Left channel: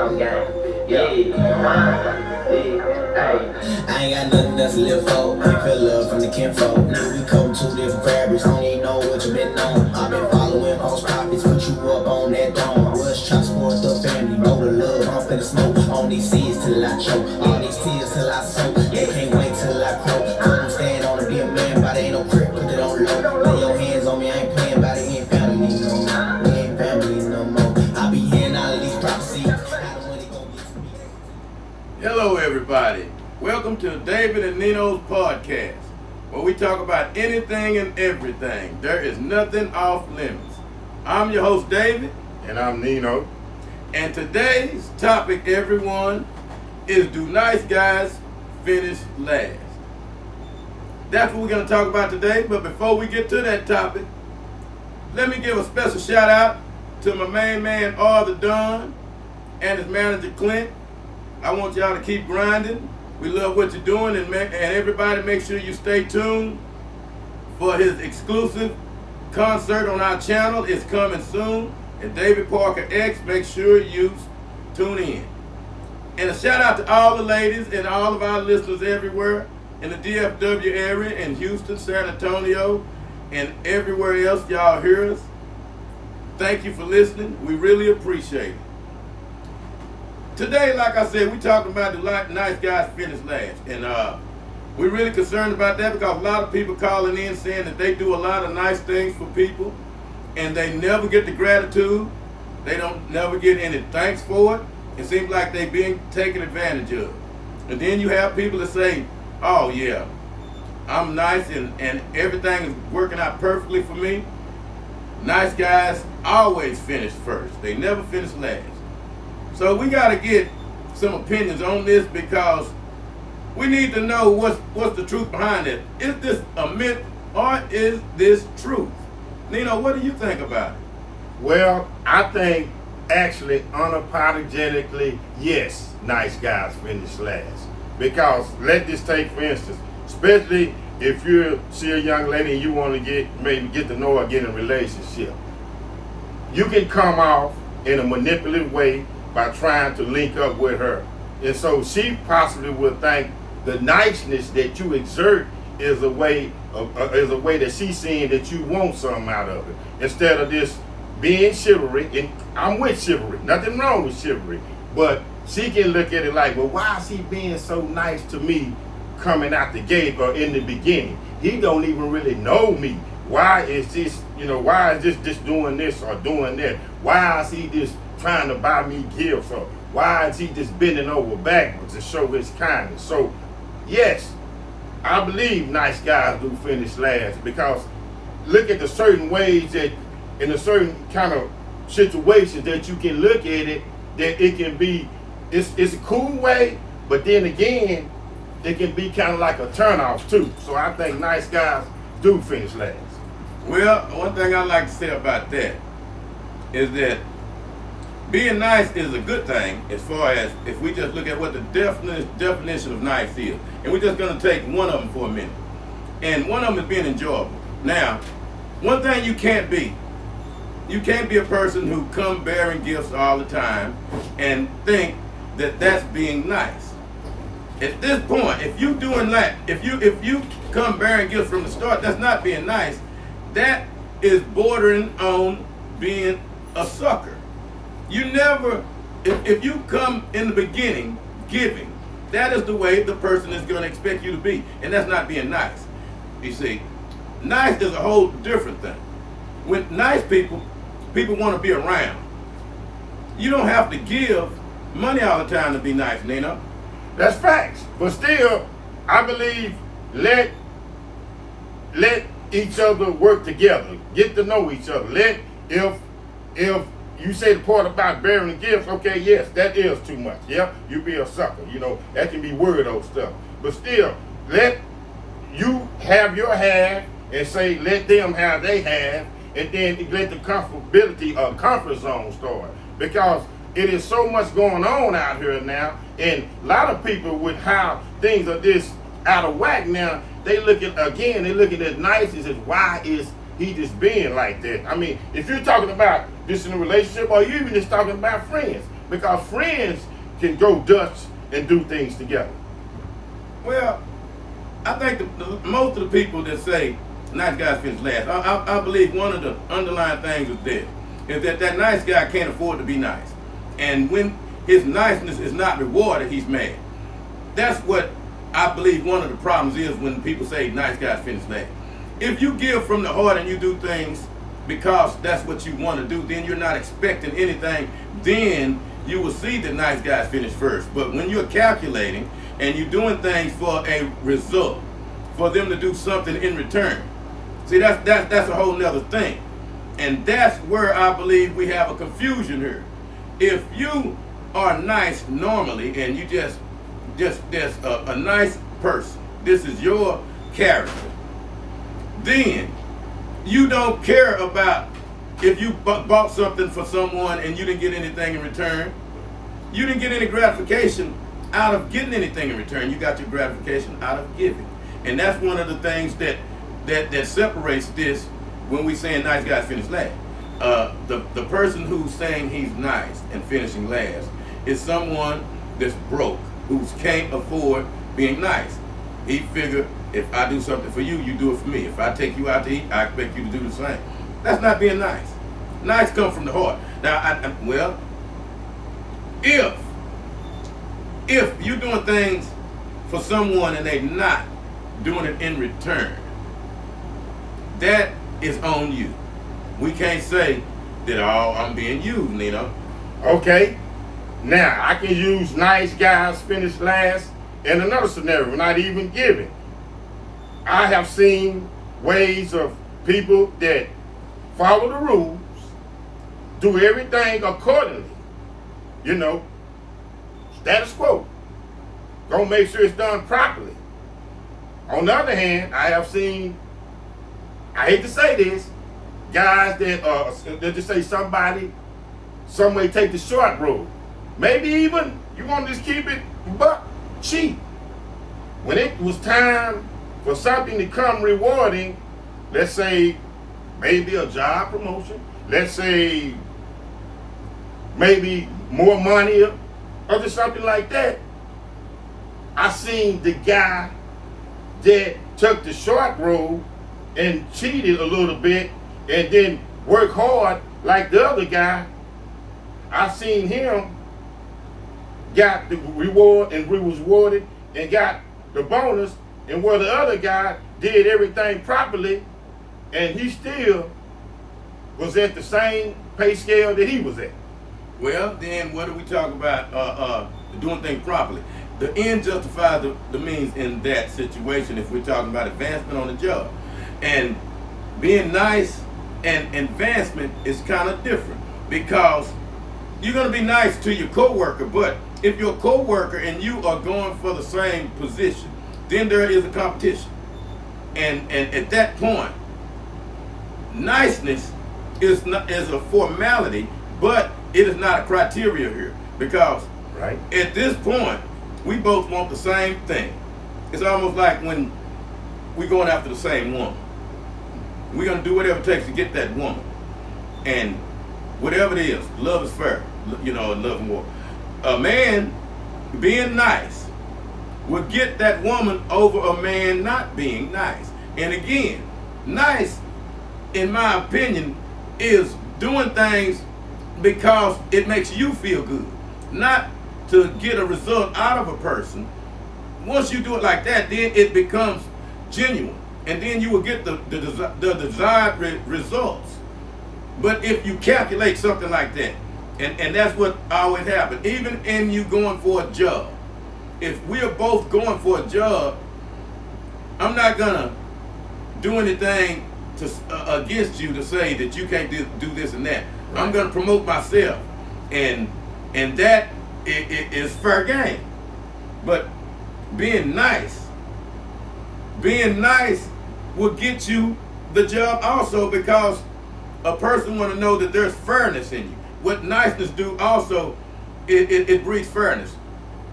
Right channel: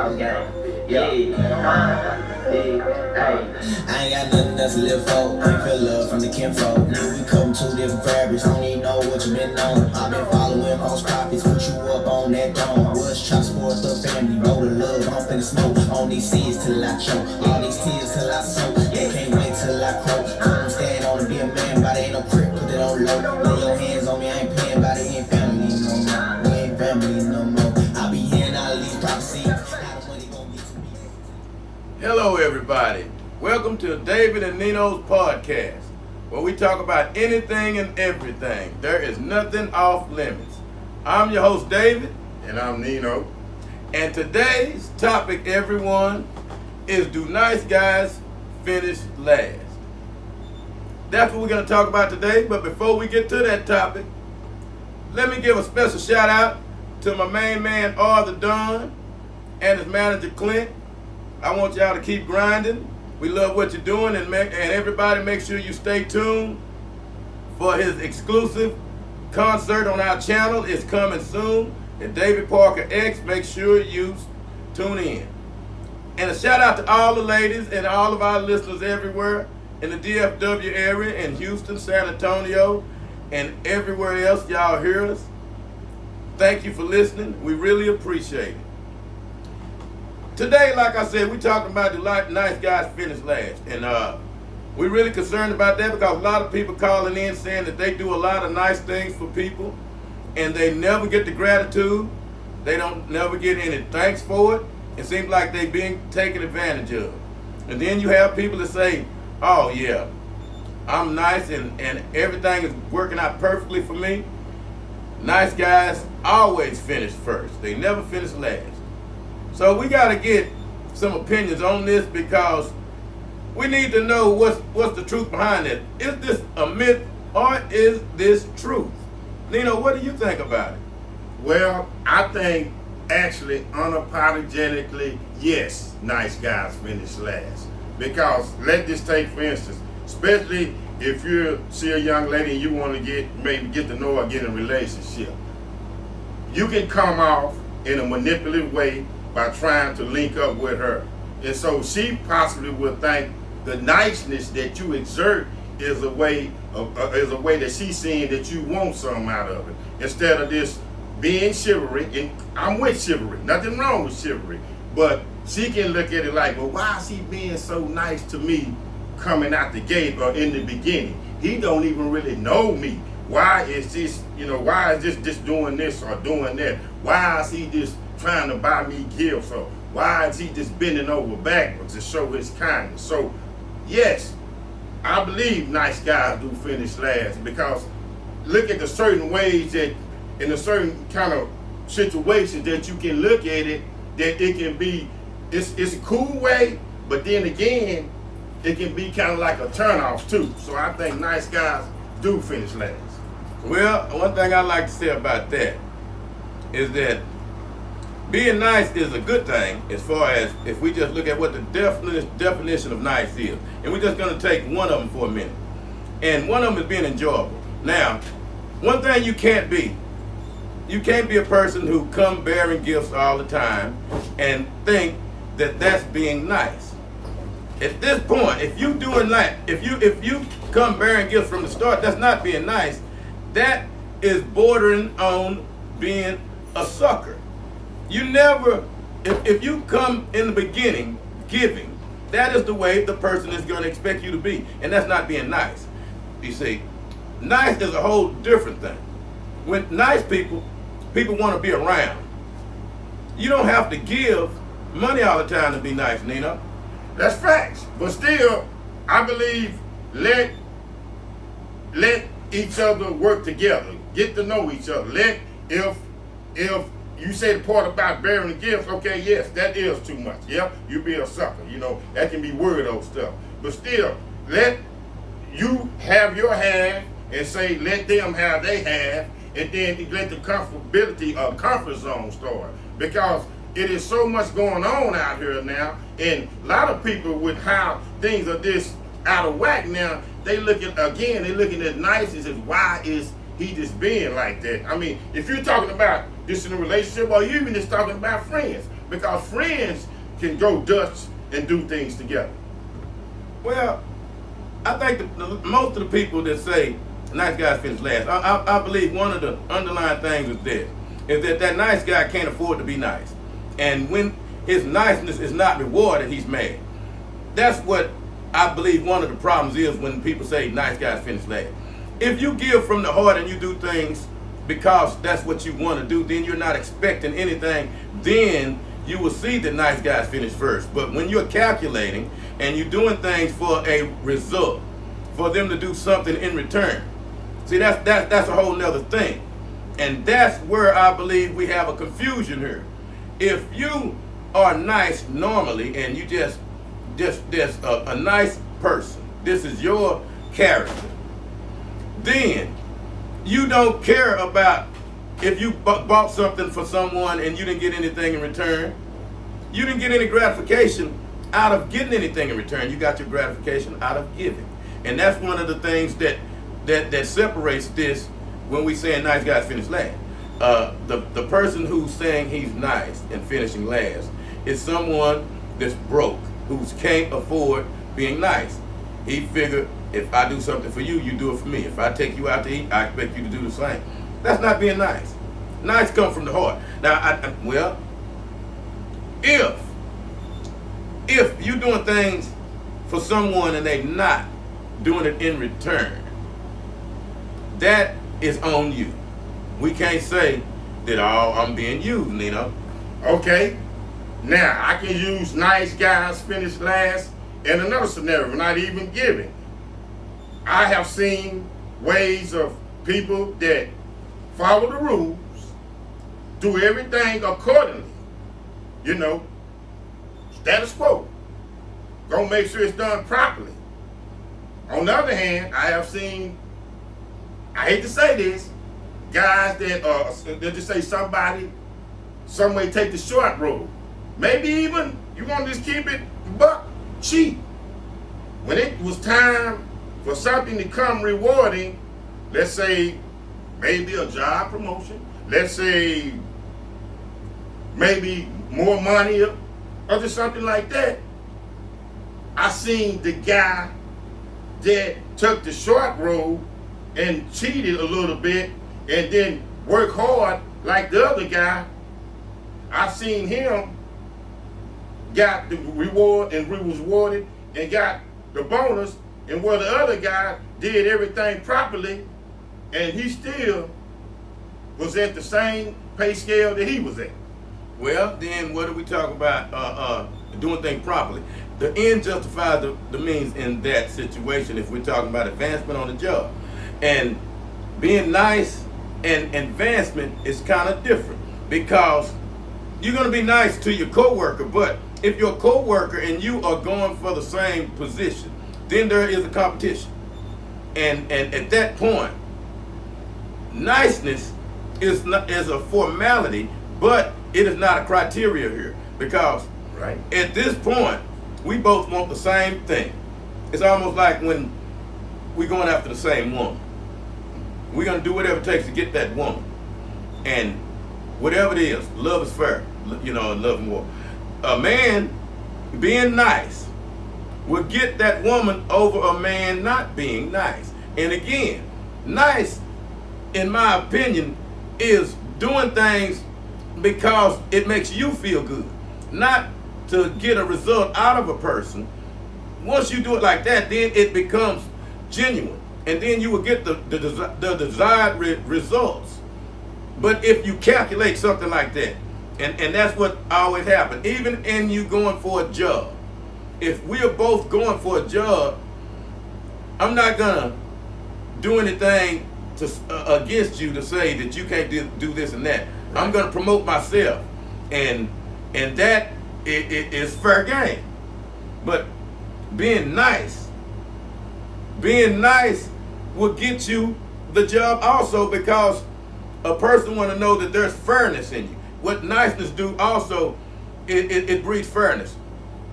Yeah. I ain't got nothing else to live for. I feel love from the kinfolk. Now we come two different fabrics. Don't even know what you been on. I've been following false prophets. Put you up on that dome. Was try to support the family. Know the love. I'm finna smoke on these seeds till I choke. All these tears till I soak. They can't wait till I croak. Couldn't stand on to be a man, but ain't no crib. Put it on low. Lay your hands on me. I ain't playing by the ain't family no more. We ain't family no more. I be hearing all of these prophecies. Hello everybody, welcome to David and Nino's podcast, where we talk about anything and everything. There is nothing off limits. I'm your host David. And I'm Nino. And today's topic, everyone, is do nice guys finish last? That's what we're going to talk about today, but before we get to that topic, let me give a special shout out to my main man, the Don, and his manager, Clint. I want y'all to keep grinding. We love what you're doing, and everybody make sure you stay tuned for his exclusive concert on our channel. It's coming soon. And David Parkerx, make sure you tune in. And a shout out to all the ladies and all of our listeners everywhere in the DFW area, in Houston, San Antonio, and everywhere else y'all hear us. Thank you for listening. We really appreciate it. Today, like I said, we're talking about the nice guys finish last. And we're really concerned about that because a lot of people calling in saying that they do a lot of nice things for people and they never get the gratitude. They don't never get any thanks for it. It seems like they're being taken advantage of. And then you have people that say, oh yeah, I'm nice and everything is working out perfectly for me. Nice guys always finish first. They never finish last. So we got to get some opinions on this because we need to know what's the truth behind it. Is this a myth or is this truth? Nino, what do you think about it? Well, I think actually unapologetically, yes, nice guys finish last. Because let this take for instance, especially if you see a young lady and you want to maybe get to know her, get in a relationship. You can come off in a manipulative way by trying to link up with her. And so she possibly would think the niceness that you exert is a way that she's seeing that you want something out of it. Instead of this being chivalry, and I'm with chivalry, nothing wrong with chivalry, but she can look at it like, well, why is he being so nice to me coming out the gate or in the beginning? He don't even really know me. Why is this, why is this just doing this or doing that? Why is he just trying to buy me gifts, or why is he just bending over backwards to show his kindness? So yes, I believe nice guys do finish last, because look at the certain ways that in a certain kind of situations that you can look at it, that it can be, it's a cool way, but then again, it can be kind of like a turnoff too. So I think nice guys do finish last. Well, one thing I like to say about that is that being nice is a good thing as far as if we just look at what the definition of nice is. And we're just going to take one of them for a minute. And one of them is being enjoyable. Now, one thing you can't be a person who come bearing gifts all the time and think that that's being nice. At this point, if you doing that, if you come bearing gifts from the start, that's not being nice. That is bordering on being a sucker. You never, if you come in the beginning giving, that is the way the person is going to expect you to be. And that's not being nice. You see, nice is a whole different thing. With nice people want to be around. You don't have to give money all the time to be nice, Nino. That's facts. But still, I believe let each other work together. Get to know each other. If you say the part about bearing gifts, okay, yes, that is too much. Yeah, you be a sucker. That can be weirdo stuff. But still, let you have your half and say, let them have their half, and then let the comfort zone start. Because it is so much going on out here now, and a lot of people with how things are this out of whack now, they looking at nice as why is he just being like that. I mean, if you're talking about just in a relationship or you even just talking about friends, because friends can go Dutch and do things together. Well, I think most of the people that say nice guys finish last, I believe one of the underlying things is that nice guy can't afford to be nice. And when his niceness is not rewarded, he's mad. That's what I believe one of the problems is when people say nice guys finish last. If you give from the heart and you do things because that's what you want to do, then you're not expecting anything. Then you will see that nice guys finish first. But when you're calculating and you're doing things for a result, for them to do something in return, see, that's a whole nother thing. And that's where I believe we have a confusion here. If you are nice normally and you just a nice person, this is your character, then you don't care about if you bought something for someone and you didn't get anything in return. You didn't get any gratification out of getting anything in return. You got your gratification out of giving. And that's one of the things that separates this when we saying nice guys finish last. The person who's saying he's nice and finishing last is someone that's broke, who can't afford being nice. He figured, if I do something for you, you do it for me. If I take you out to eat, I expect you to do the same. That's not being nice. Nice comes from the heart. Now, if you're doing things for someone and they're not doing it in return, that is on you. We can't say that, oh, I'm being used, Nino. Okay. Now, I can use nice guys finish last in another scenario, not even giving. I have seen ways of people that follow the rules, do everything accordingly. You know, status quo. Gonna make sure it's done properly. On the other hand, I have seen, I hate to say this, guys that just say some may take the short road. Maybe even you want to just keep it buck cheap. When it was time for something to come rewarding, let's say maybe a job promotion, let's say maybe more money or just something like that, I seen the guy that took the short road and cheated a little bit and then worked hard like the other guy. I seen him got the reward and was rewarded and got the bonus, and where the other guy did everything properly and he still was at the same pay scale that he was at. Well, then what do we talk about doing things properly? The end justifies the means in that situation if we're talking about advancement on the job. And being nice and advancement is kind of different, because you're going to be nice to your coworker, but if your coworker and you are going for the same position, then there is a competition. And at that point, niceness is a formality, but it is not a criteria here, because right at this point, we both want the same thing. It's almost like when we're going after the same woman. We're going to do whatever it takes to get that woman. And whatever it is, love is fair, you know, and love and war. A man being nice will get that woman over a man not being nice. And again, nice, in my opinion, is doing things because it makes you feel good, not to get a result out of a person. Once you do it like that, then it becomes genuine, and then you will get the desired results. But if you calculate something like that, and that's what always happens, even in you going for a job, if we're both going for a job, I'm not gonna do anything against you to say that you can't do this and that. Right. I'm gonna promote myself, and that it is fair game. But being nice will get you the job also, because a person want to know that there's fairness in you. What niceness do also, it breeds fairness.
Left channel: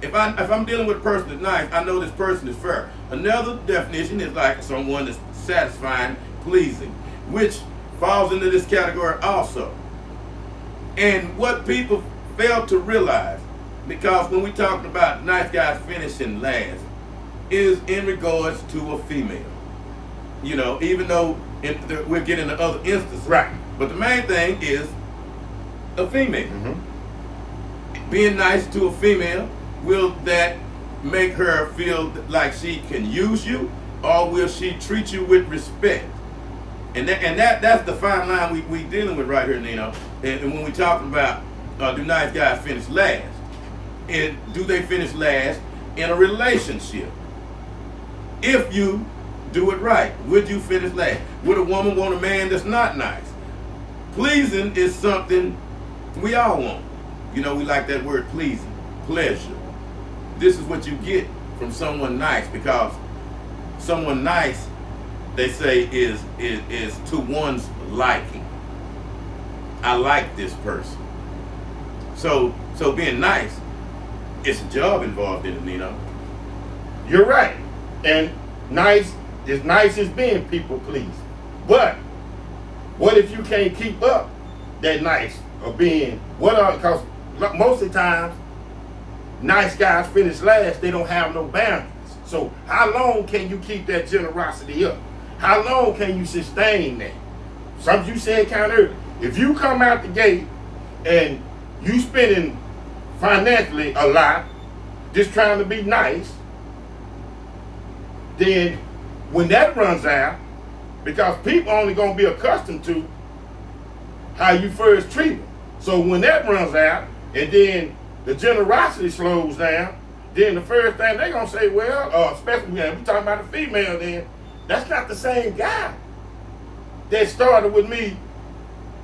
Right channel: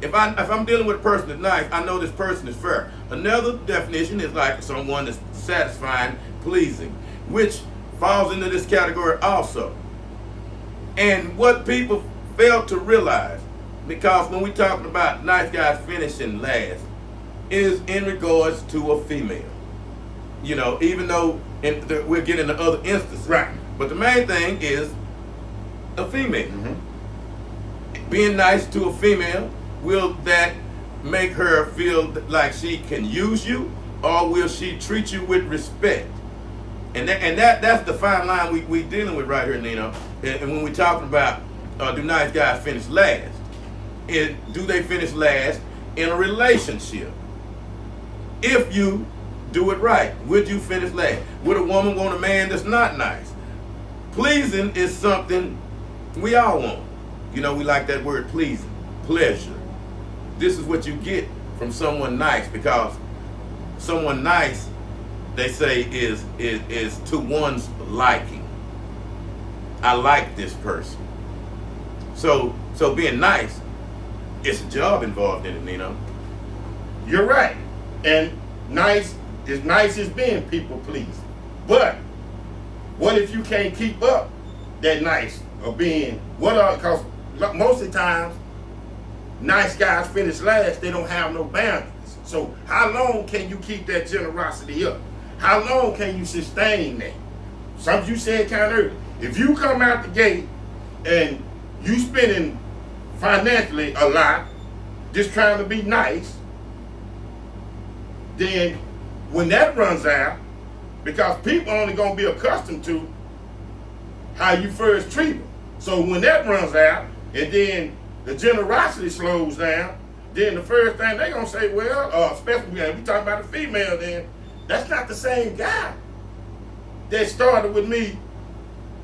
If I'm dealing with a person that's nice, I know this person is fair. Another definition is like someone that's satisfying, pleasing, which falls into this category also. And what people fail to realize, because when we talking about nice guys finishing last, is in regards to a female. You know, even though we're getting to other instances. Right. But the main thing is a female. Mm-hmm. Being nice to a female, will that make her feel like she can use you, or will she treat you with respect? And that's the fine line we dealing with right here, Nino. And when we talking about do nice guys finish last, do they finish last in a relationship? If you do it right, would you finish last? Would a woman want a man that's not nice? Pleasing is something we all want. You know, we like that word pleasing, pleasure. This is what you get from someone nice, because someone nice, they say, is to one's liking. I like this person. So being nice, it's a job involved in it, you know. You're right. And nice as being people pleasing. But what if you can't keep up that nice or being because most of the times nice guys finish last, they don't have no boundaries. So how long can you keep that generosity up? How long can you sustain that? Something you said kind of earlier. If you come out the gate and you spending financially a lot, just trying to be nice, then when that runs out, because people only going to be accustomed to how you first treat them. So when that runs out, and then the generosity slows down, then the first thing they're going to say, well, especially when we talking about a female, then that's not the same guy that started with me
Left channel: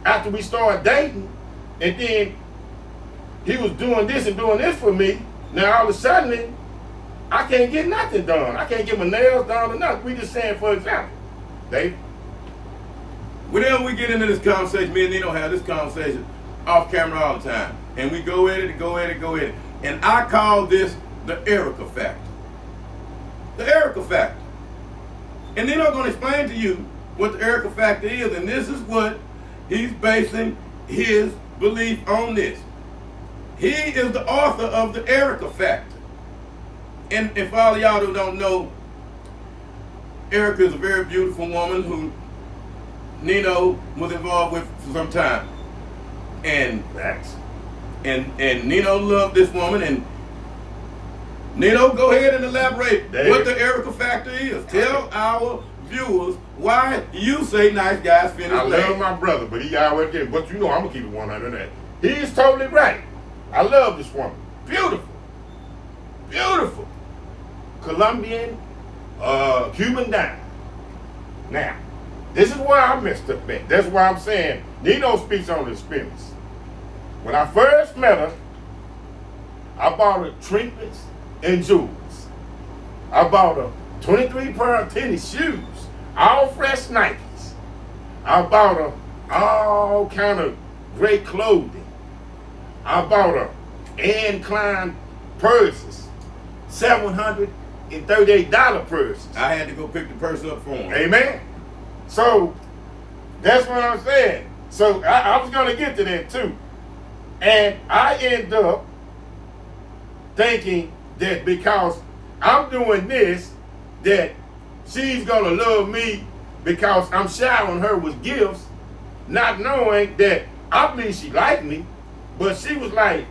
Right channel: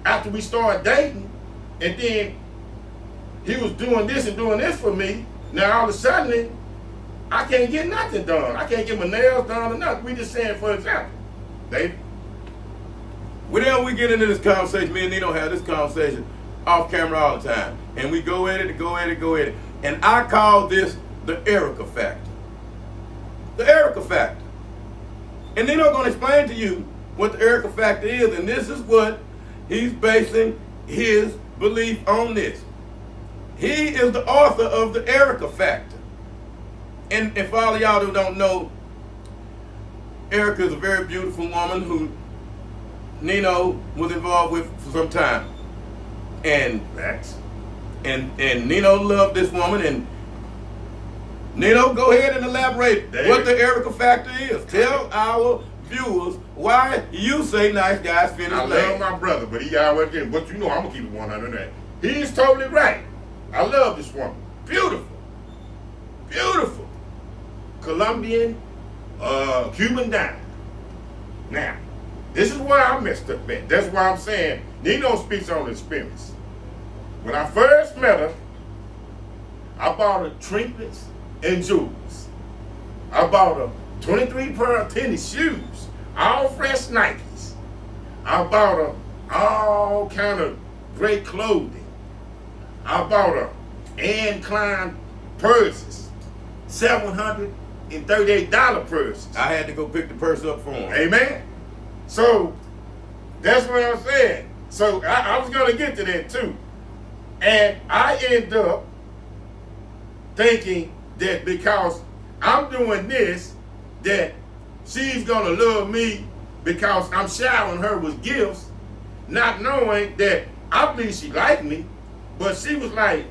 after we started dating, and then he was doing this and doing this for me. Now all of a sudden, I can't get nothing done. I can't get my nails done or nothing. We just saying, for example, David. Whenever we get into this conversation, me and Nino have this conversation off camera all the time. And we go at it and go at it, go at it. And I call this the Erica factor. The Erica factor. And Nino going to explain to you what the Erica factor is. And this is what he's basing his belief on this. He is the author of the Erica factor. And for all of y'all who don't know, Erica is a very beautiful woman who Nino was involved with for some time. And Nino loved this woman. And Nino, go ahead and elaborate David, what the Erica factor is. Tell our viewers why you say nice guys finish last. I love my brother, but he always did. But you know I'm going to keep it 100. He's totally right. I love this woman. Beautiful. Beautiful. Colombian, Cuban dime. Now, this is where I messed up at. That's why I'm saying Nino speaks on the experience. When I first met her, I bought her trinkets and jewels. I bought her 23 pair of tennis shoes, all fresh Nikes. I bought her all kind of great clothing. I bought her Anne Klein purses, $738 purses. I had to go pick the purse up for him. Amen. So that's what I'm saying. So I was going to get to that too. And I end up thinking that because I'm doing this, that she's going to love me because I'm showering her with gifts, not knowing that I believe she liked me, but she was like,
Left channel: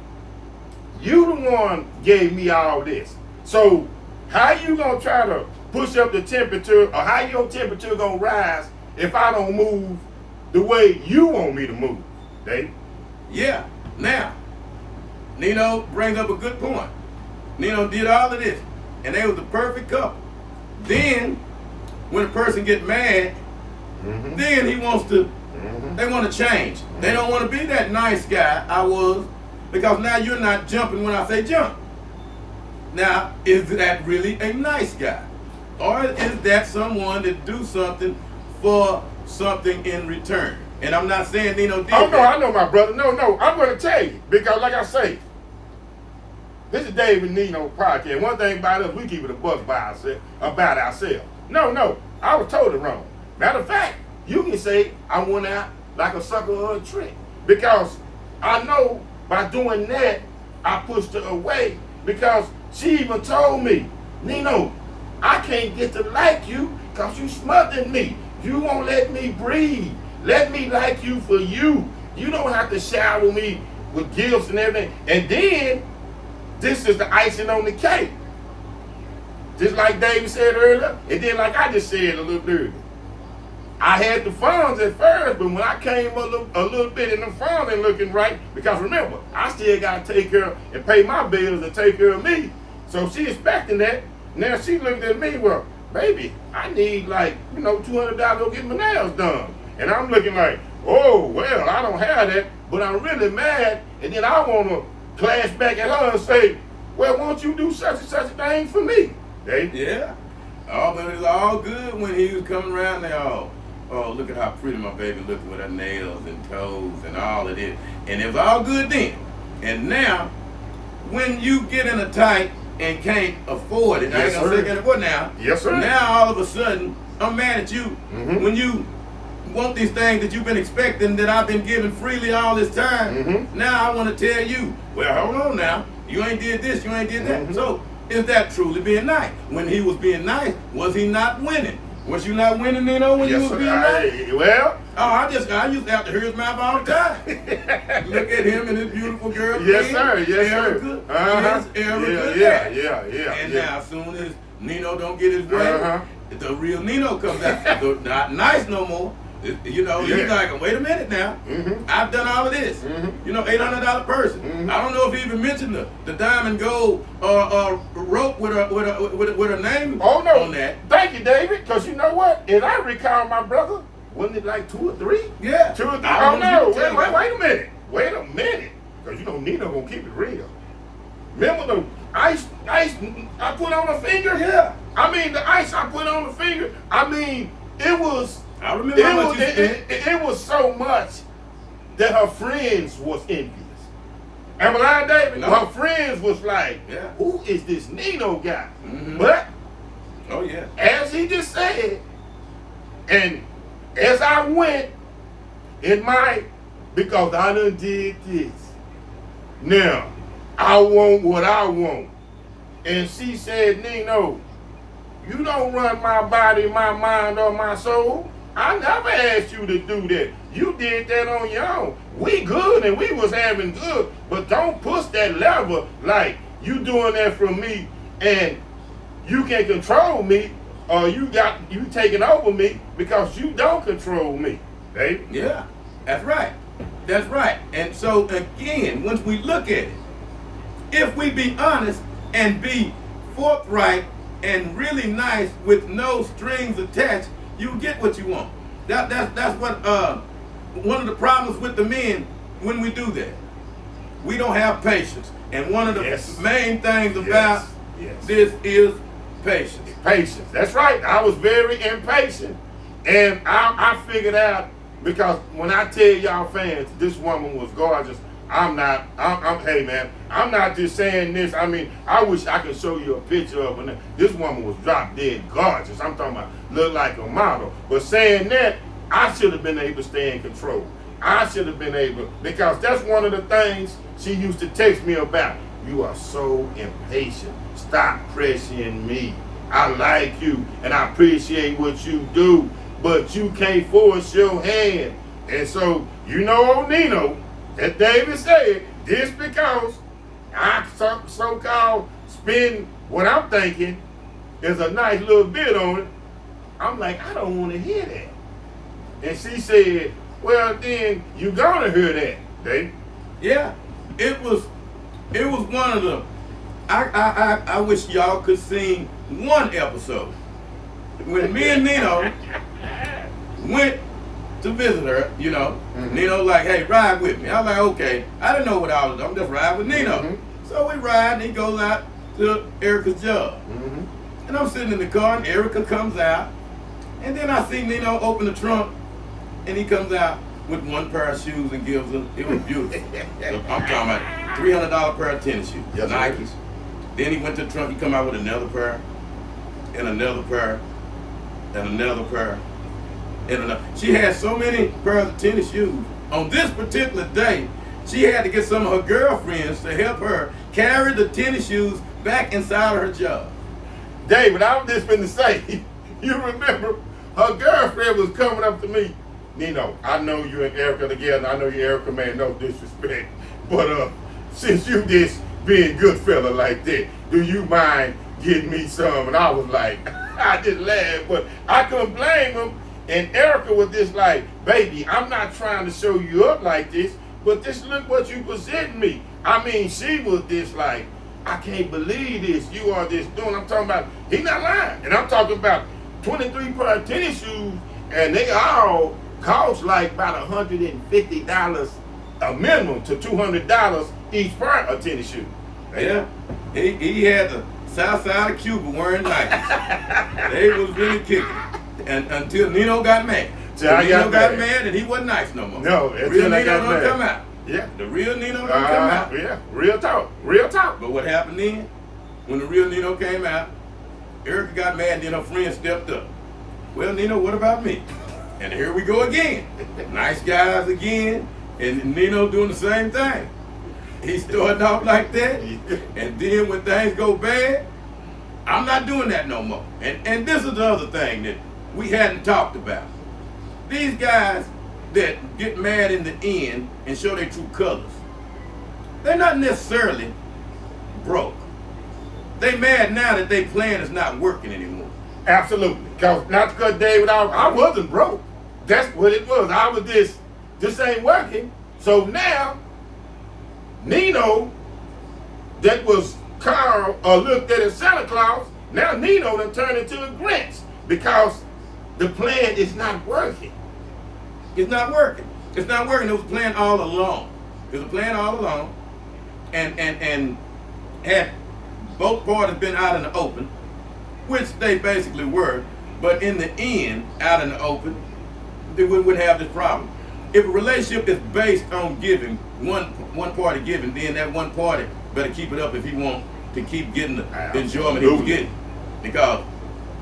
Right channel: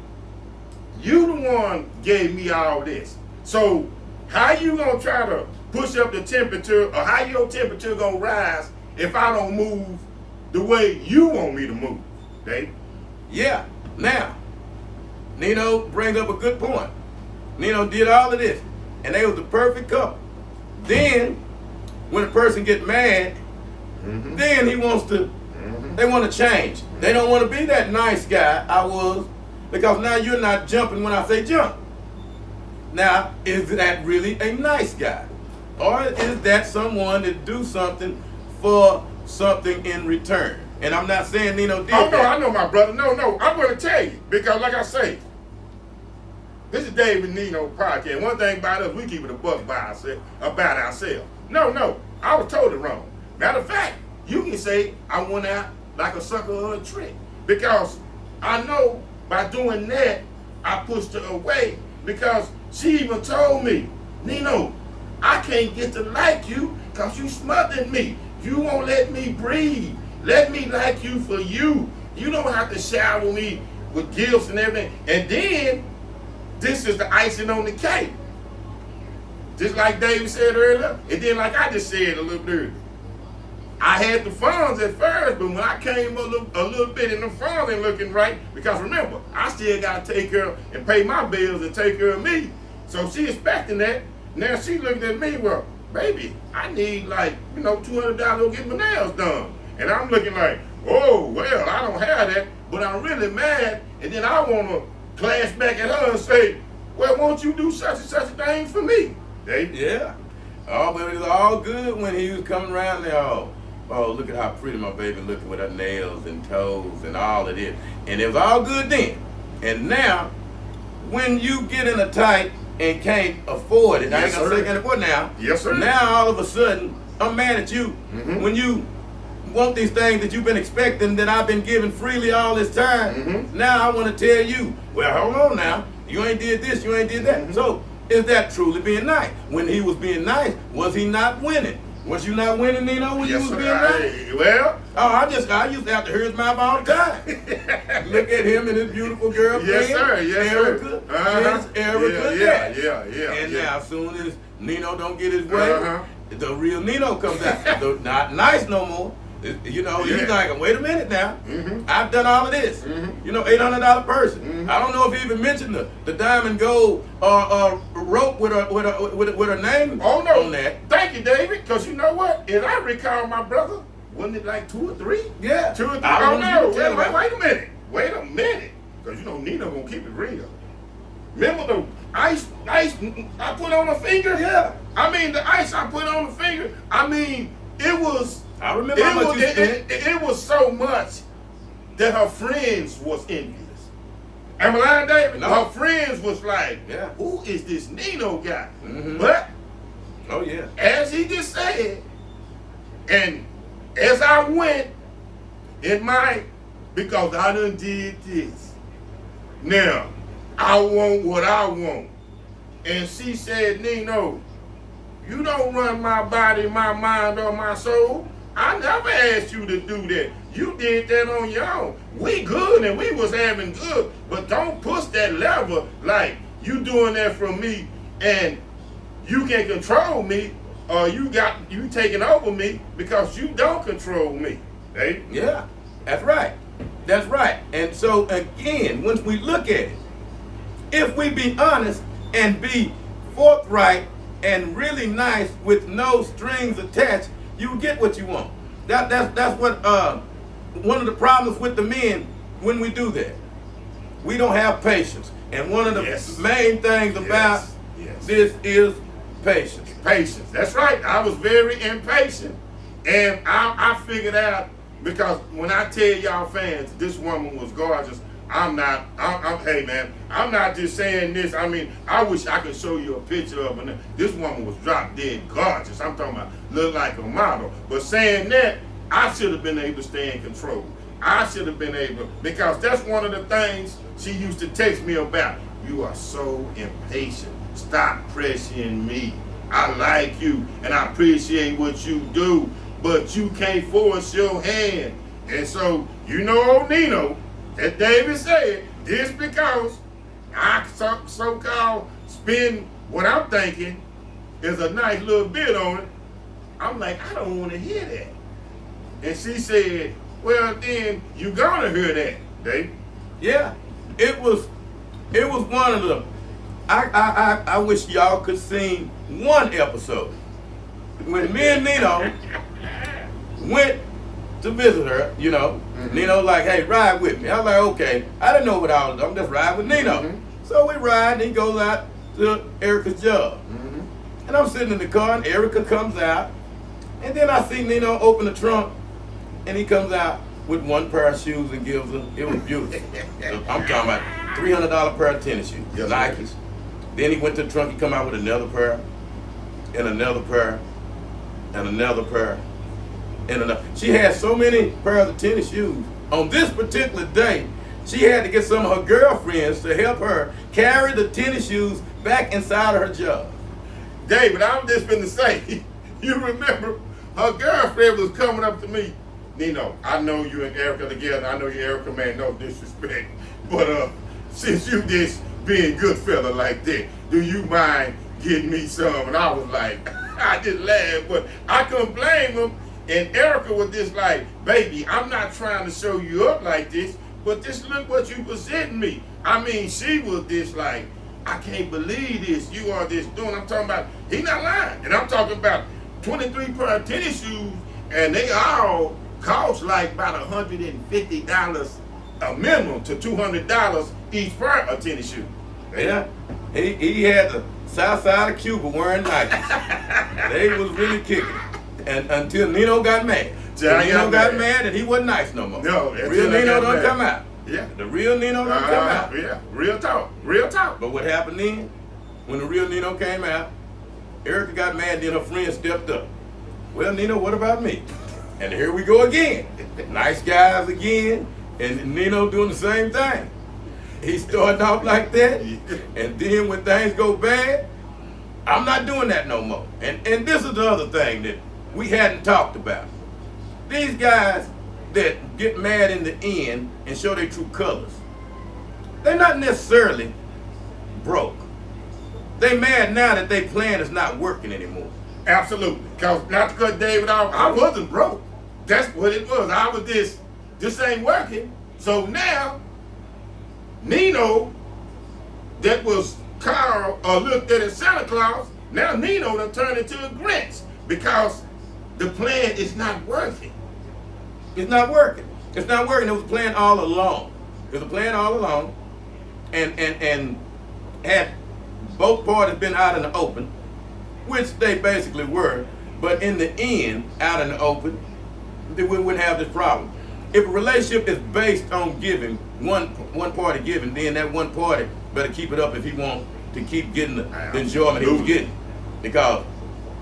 you the one gave me all this. So how you going to try to push up the temperature, or how your temperature going to rise if I don't move the way you want me to move, Dave? Yeah. Now, Nino brings up a good point. Nino did all of this, and they was the perfect couple. Then, when a person get mad, then he wants to, they want to change. They don't want to be that nice guy I was, because now you're not jumping when I say jump. Now, is that really a nice guy? Or is that someone that do something for something in return? And I'm not saying Nino did that. I know my brother. No, I'm going to tell you. Because like I say, this is David Nino podcast. One thing about us, we keep it a buck about ourselves. No, I was totally wrong. Matter of fact, you can say I went out like a sucker or a trick. Because I know by doing that, I pushed her away because she even told me, Nino, I can't get to like you because you smothered me. You won't let me breathe. Let me like you for you. You don't have to shower me with gifts and everything. And then, this is the icing on the cake. Just like David said earlier, and then like I just said a little bit earlier. I had the funds at first, but when I came a little bit and the funds ain't looking right, because remember, I still got to take care and pay my bills and take care of me. So she expecting that. Now she looking at me, well, baby, I need like, $200 to get my nails done. And I'm looking like, oh, well, I don't have that, but I'm really mad. And then I want to clash back at her and say, well, won't you do such and such a thing for me? Dave? Yeah. Oh, but it was all good when he was coming around there. Oh, look at how pretty my baby looking with her nails and toes and all of this. And it was all good then. And now, when you get in a tight and can't afford it, yes, sir. Now, yes, sir. Now all of a sudden, I'm mad at you. Mm-hmm. When you want these things that you've been expecting that I've been giving freely all this time, mm-hmm. now I want to tell you, well, hold on now. You ain't did this, you ain't did that. Mm-hmm. So, is that truly being nice? When he was being nice, was he not winning? Was you not winning, Nino, when yes, you was sir. being nice? Well. Oh, I used to have to hear his mouth all the time. Look at him and his beautiful girl. Yes, sir. Yes, Erica. sir. Uh-huh. Yes, Erica. Yeah. And now, as soon as Nino don't get his way, the real Nino comes out. Not nice no more. He's like, wait a minute now. Mm-hmm. I've done all of this. Mm-hmm. $800 person. Mm-hmm. I don't know if he even mentioned the diamond gold rope with her name on that. Thank you, David. Because you know what? If I recall my brother, wasn't it like 2 or 3? Yeah. 2 or 3. Oh no! Wait a minute. Wait a minute. Because Nino gonna keep it real. Remember the ice I put on the finger? Yeah. I mean the ice I put on the finger. I mean it was. I remember how much it was so much that her friends was envious. Am I lying, David? No. Her friends was like, yeah. Who is this Nino guy? Mm-hmm. But, oh yeah, as he just said, and as I went because I done did this. Now, I want what I want. And she said, Nino, you don't run my body, my mind, or my soul. I never asked you to do that. You did that on your own. We good and we was having good, but don't push that lever like you doing that for me and you can control me or you taking over me because you don't control me. Right? Yeah, that's right. That's right. And so again, once we look at it, if we be honest and be forthright and really nice with no strings attached, you get what you want. That's what one of the problems with the men when we do that. We don't have patience. And one of the main things about this is patience. Patience. That's right. I was very impatient. And I figured out, because when I tell y'all fans, this woman was gorgeous, I'm hey man, I'm not just saying this. I mean, I wish I could show you a picture of her. This woman was drop dead gorgeous. I'm talking about look like a model. But saying that, I should have been able to stay in control. I should have been able, because that's one of the things she used to text me about. You are so impatient. Stop pressuring me. I like you and I appreciate what you do, but you can't force your hand. And so, Nino, as David said, just because I so-called spend what I'm thinking is a nice little bit on it, I'm like, I don't want to hear that. And she said, well, then you gonna hear that, Dave. Yeah, it was one of the, I wish y'all could see one episode when me and Nino went to visit her, Mm-hmm. Nino like, hey, ride with me. I'm like, okay. I didn't know what I was doing. I'm just riding with Nino. Mm-hmm. So we ride, and he goes out to Erica's job. Mm-hmm. And I'm sitting in the car, and Erica comes out. And then I see Nino open the trunk, and he comes out with one pair of shoes and gives them. It was beautiful. I'm talking about $300 pair of tennis shoes. Yes, Nikes. Then he went to the trunk, he come out with another pair, and another pair, and another pair. She had so many pairs of tennis shoes on this particular day She had to get some of her girlfriends to help her carry the tennis shoes back inside of her job. David, I'm just finna say, you remember her girlfriend was coming up to me. Nino, I know you and Erica together. I know you, Erica, man, no disrespect. But since you just being good fella like that, do you mind getting me some? And I was like, I just laughed, but I couldn't blame him. And Erica was just like, baby, I'm not trying to show you up like this, but just look what you presenting me. I mean, she was just like, I can't believe this. You are just doing. I'm talking about, he not lying. And I'm talking about 23 pair of tennis shoes, and they all cost like about $150 a minimum to $200 each pair of tennis shoes. Yeah, he had the south side of Cuba wearing Nikes. They was really kicking. And until Nino got mad. Nino got mad and he wasn't nice no more. No, real Nino don't come out. Yeah. The real Nino don't come out. Yeah, real talk. Real talk. But what happened then, when the real Nino came out, Erica got mad and then her friend stepped up. Well, Nino, what about me? And here we go again. Nice guys again. And Nino doing the same thing. He's starting off like that. And then when things go bad, I'm not doing that no more. And this is the other thing that we hadn't talked about. These guys that get mad in the end and show their true colors, they're not necessarily broke. They mad now that their plan is not working anymore. Absolutely. Cause not to cut David off, I wasn't broke. That's what it was. I was this ain't working. So now, Nino, that was Carl or looked at as Santa Claus, now Nino done turned into a Grinch because the plan is not working. It's not working. It's not working. It was a plan all along. It was a plan all along. And had both parties been out in the open, which they basically were, but in the end, out in the open, they wouldn't have this problem. If a relationship is based on giving, one party giving, then that one party better keep it up if he wants to keep getting the enjoyment he's getting. Because,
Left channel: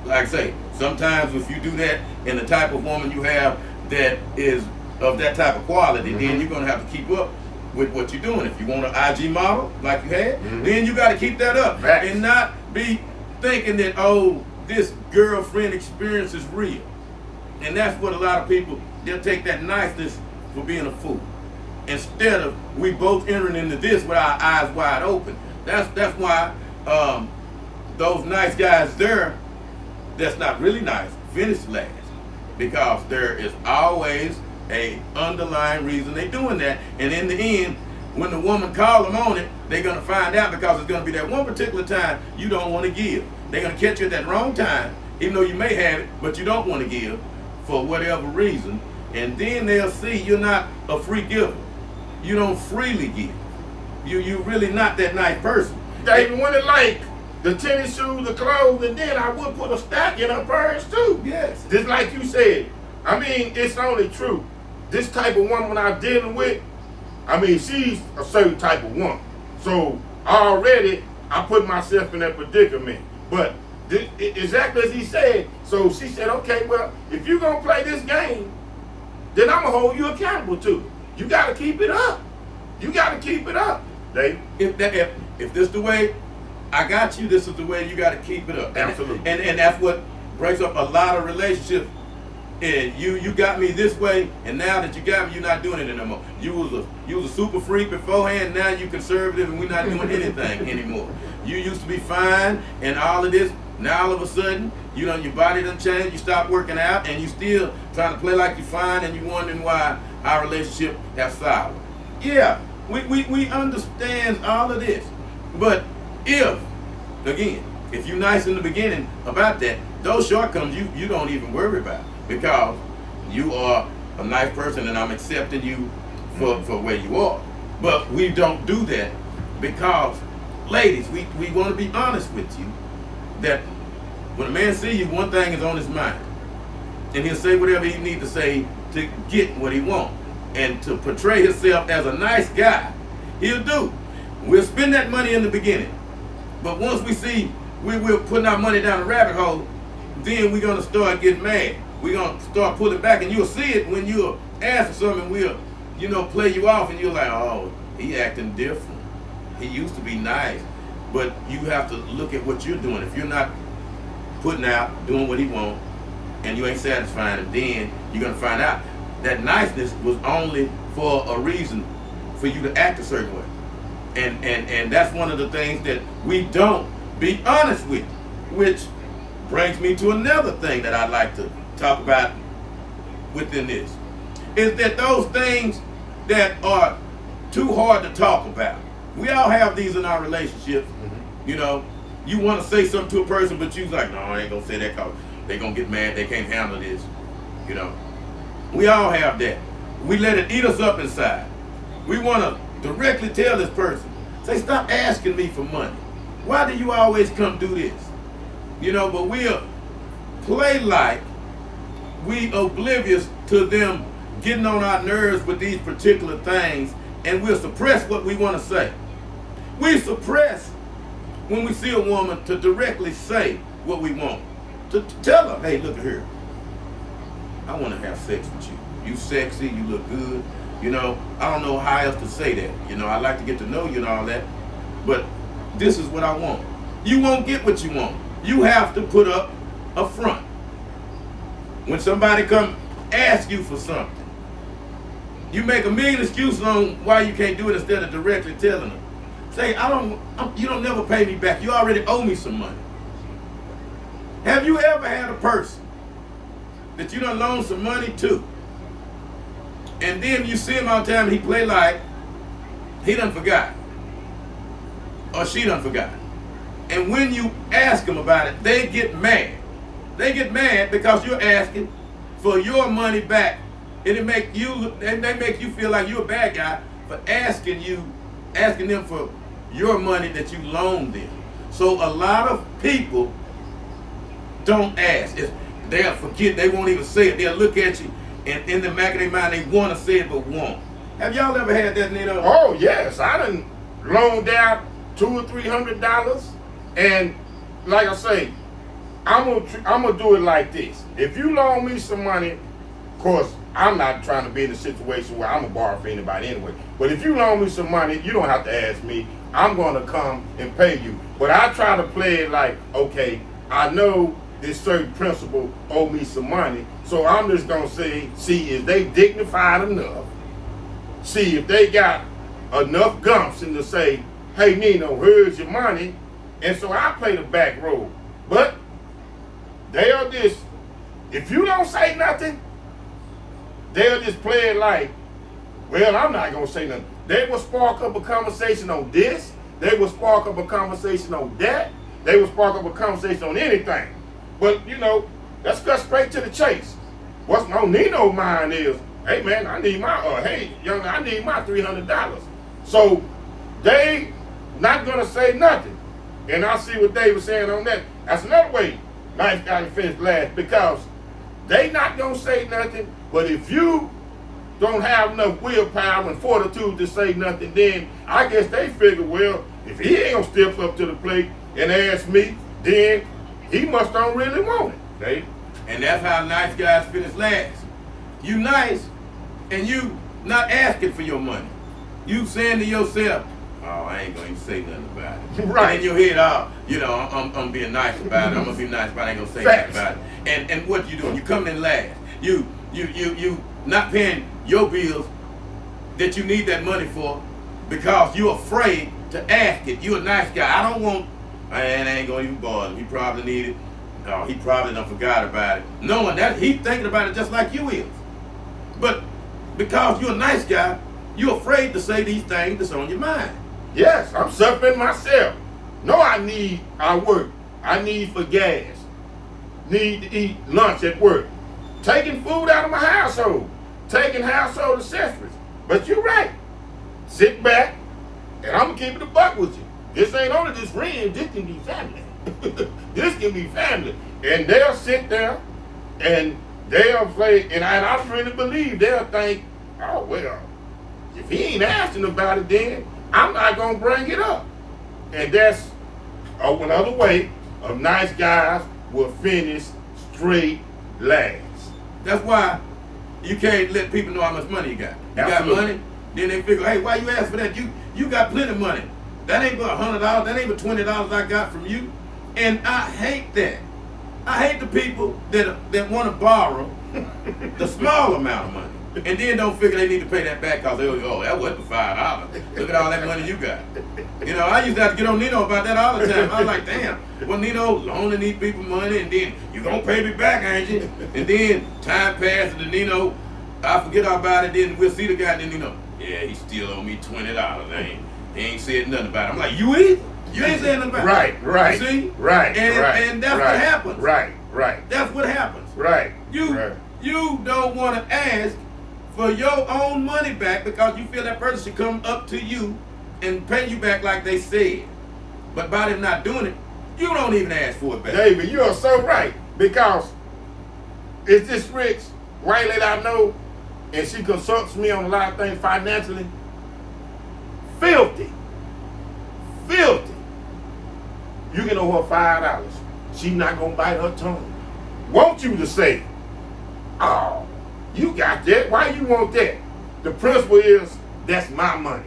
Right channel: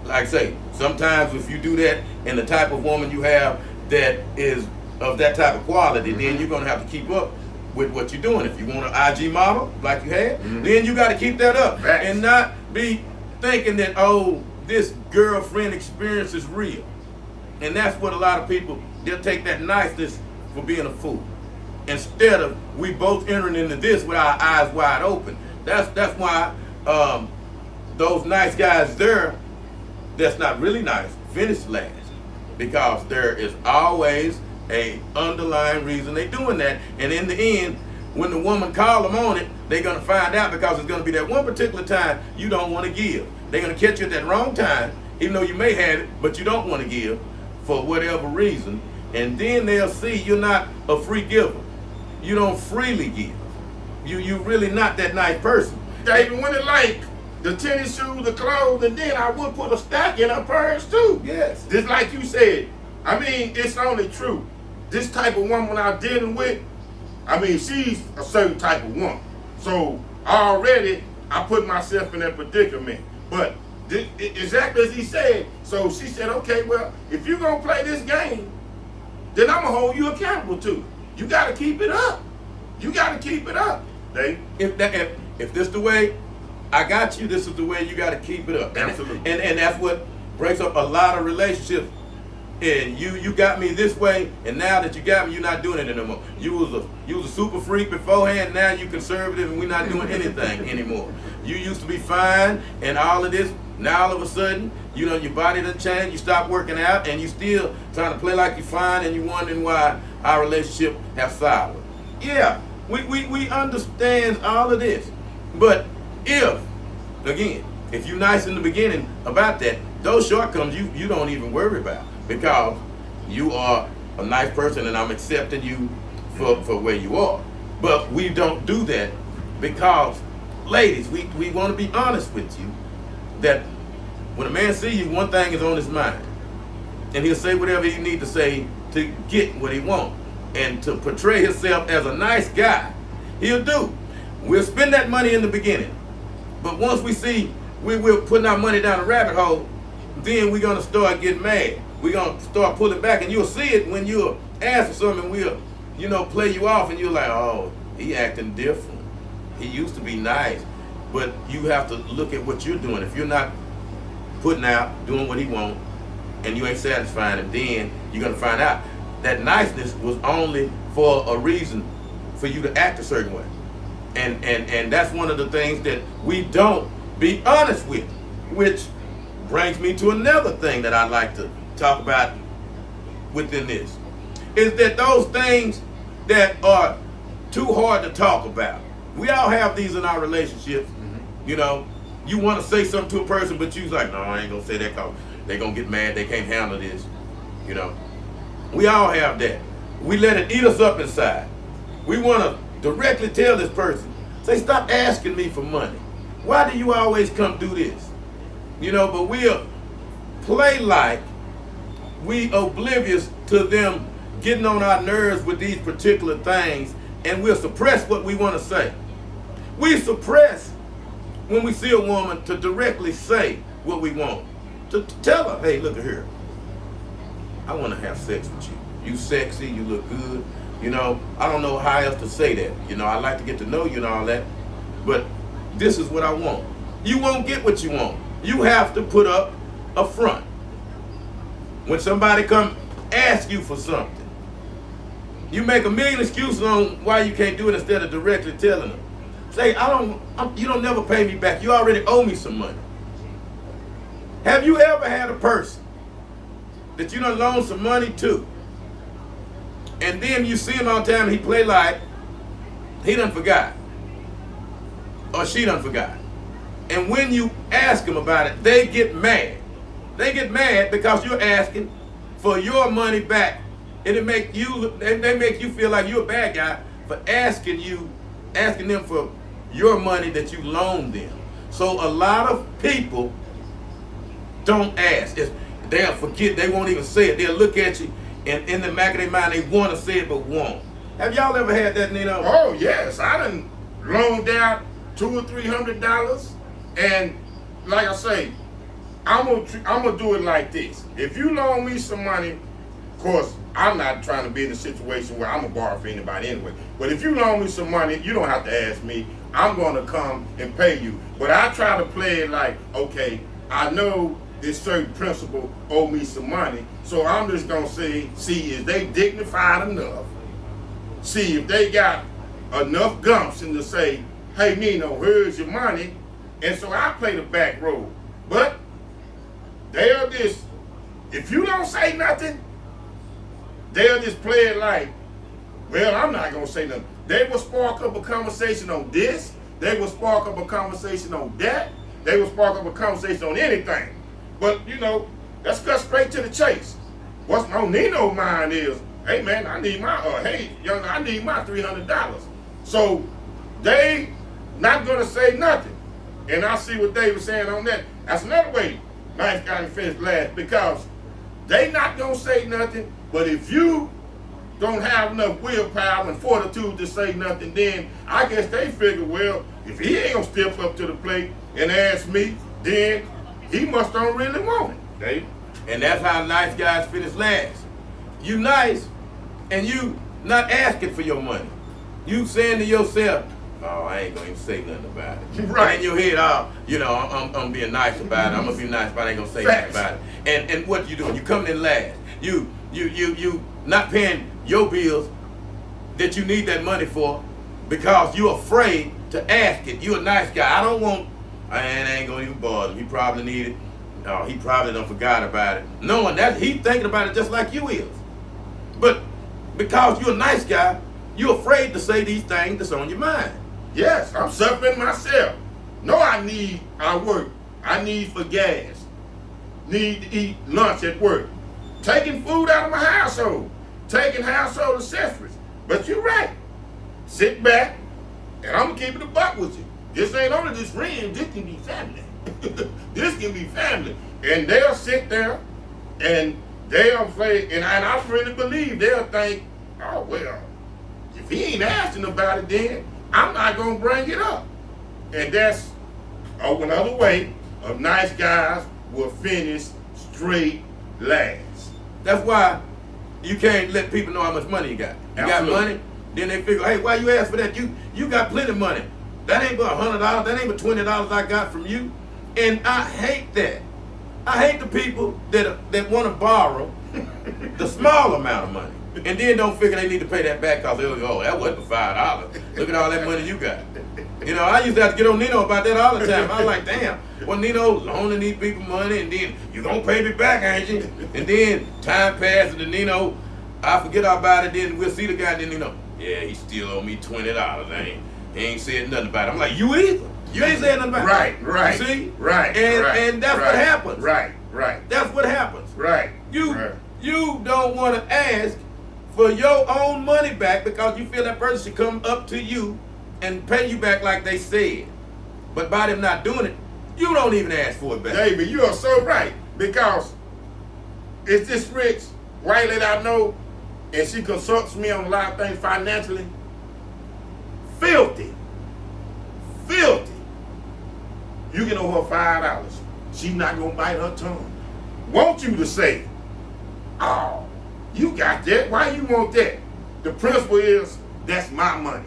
like I say, sometimes if you do that and the type of woman you have that is of that type of quality, then you're going to have to keep up with what you're doing. If you want an IG model like you had, then you got to keep that up. And not be thinking that, oh, this girlfriend experience is real. And that's what a lot of people, they'll take that niceness for being a fool. Instead of we both entering into this with our eyes wide open. That's why those nice guys there, that's not really nice, finish last. Because there is always a underlying reason they're doing that. And in the end, when the woman call them on it, they're going to find out because it's going to be that one particular time you don't want to give. They're going to catch you at that wrong time, even though you may have it, but you don't want to give for whatever reason. And then they'll see you're not a free giver. You don't freely give. You really not that nice person. David, when it like the tennis shoes, the clothes, and then I would put a stack in her purse too. Yes. Just like you said. I mean, it's only true. This type of woman I'm dealing with, I mean, she's a certain type of woman. So already I put myself in that predicament. But exactly as he said, so she said, okay, well, if you're going to play this game, then I'm going to hold you accountable to it. You got to keep it up. You got to keep it up, Dave. If this the way I got you, this is the way you got to keep it up. Absolutely. And that's what breaks up a lot of relationships. And you got me this way, and now that you got me, you're not doing it anymore. You was a super freak beforehand, now you conservative, and we're not doing anything anymore. You used to be fine, and all of this, now all of a sudden, you know, your body done changed, you stop working out, and you still trying to play like you're fine, and you wondering why our relationship has soured. Yeah, we understand all of this. But if you're nice in the beginning about that, those shortcomings you don't even worry about. Because you are a nice person and I'm accepting you for where you are. But we don't do that because, ladies, we want to be honest with you that when a man sees you, one thing is on his mind. And he'll say whatever he needs to say to get what he wants. And to portray himself as a nice guy, he'll do. We'll spend that money in the beginning. But once we see we're putting our money down a rabbit hole, then we're going to start getting mad. We're going to start pulling back, and you'll see it when you'll ask for something, and play you off, and you're like, oh, he acting different. He used to be nice. But you have to look at what you're doing. If you're not putting out, doing what he wants, and you ain't satisfying him, then you're going to find out that niceness was only for a reason for you to act a certain way. And that's one of the things that we don't be honest with, which brings me to another thing that I'd like to talk about within this, is that those things that are too hard to talk about. We all have these in our relationships. You want to say something to a person, but you're like, no, I ain't going to say that because they're going to get mad. They can't handle this. We all have that. We let it eat us up inside. We want to directly tell this person, say, stop asking me for money. Why do you always come do this? But we'll play like we oblivious to them getting on our nerves with these particular things, and we'll suppress what we want to say. We suppress when we see a woman to directly say what we want. To tell her, hey, look at here. I want to have sex with you. You sexy, you look good. I don't know how else to say that. I like to get to know you and all that, but this is what I want. You won't get what you want. You have to put up a front. When somebody come ask you for something, you make a million excuses on why you can't do it instead of directly telling them. Say, you don't never pay me back. You already owe me some money. Have you ever had a person that you done loaned some money to, and then you see him all the time and he play like he done forgot, or she done forgot? And when you ask them about it, they get mad. They get mad because you're asking for your money back. And they make you feel like you're a bad guy for asking them for your money that you loaned them. So a lot of people don't ask. They'll forget, they won't even say it. They'll look at you, and in the back of their mind, they want to say it but won't. Have y'all ever had that, Nino? Oh, yes. I done loaned out $200 or $300, and like I say, I'm gonna do it like this. If you loan me some money, of course, I'm not trying to be in a situation where I'm gonna borrow for anybody anyway. But if you loan me some money, you don't have to ask me. I'm gonna come and pay you. But I try to play it like, okay, I know this certain principal owe me some money, so I'm just gonna say, see if they dignified enough, see if they got enough gumption to say, hey Nino, here's your money. And so I play the back road. But they'll just, if you don't say nothing, they'll just play it like, well, I'm not going to say nothing. They will spark up a conversation on this. They will spark up a conversation on that. They will spark up a conversation on anything. But, let's cut straight to the chase. What's on Nino's mind is, hey, man, I need my, I need my $300. So they not going to say nothing. And I see what Dave was saying on that. That's another way nice guy can finish last, because they not going to say nothing. But if you don't have enough willpower and fortitude to say nothing, then I guess they figure, well, if he ain't going to step up to the plate and ask me, then he must don't really want it, Dave. And that's how nice guys finish last. You nice, and you not asking for your money. You saying to yourself, oh, I ain't going to say nothing about it. Right. And in your head, I'm being nice about it. I'm going to be nice, but I ain't going to say nothing about it. And what you doing? You coming in last. You not paying your bills that you need that money for because you're afraid to ask it. You're a nice guy. I ain't going to even bother him. He probably need it. No, he probably done forgot about it. Knowing that, he thinking about it just like you is. But because you're a nice guy, you're afraid to say these things that's on your mind. Yes, I'm suffering myself. No, I work. I need for gas. Need to eat lunch at work. Taking food out of my household. Taking household accessories. But you're right. Sit back, and I'm going to keep it a buck with you. This ain't only just friends, this can be family. This can be family. And they'll sit there, and they'll play, and I really believe they'll think, oh, well, if he ain't asking about it, then I'm not going to bring it up. And that's another way of nice guys will finish straight last. That's why you can't let people know how much money you got. You Absolutely. got money, then they figure, hey, why you ask for that? You got plenty of money. That ain't but $100. That ain't but $20 I got from you. And I hate that. I hate the people that want to borrow the small amount of money and then don't figure they need to pay that back because they go, oh, that wasn't $5. Look at all that money you got. You know, I used to have to get on Nino about that all the time. I was like, damn, well, Nino loaning these people money and then you gonna pay me back, ain't you? And then time passes and Nino, I forget all about it, then we'll see the guy and then Nino, yeah, he still owe me $20. He ain't said nothing about it. I'm like, you either? You ain't saying nothing about it. Right. You see? Right. And that's what happens. Right. That's what happens. Right. You don't want to ask for your own money back because you feel that person should come up to you and pay you back like they said. But by them not doing it, you don't even ask for it back. David, you are so right. Because it's this rich, right lady I know, and she consults me on a lot of things financially. Filthy. You can owe her $5. She's not gonna bite her tongue. Want you to say, oh, you got that? Why you want that? The principle is, that's my money.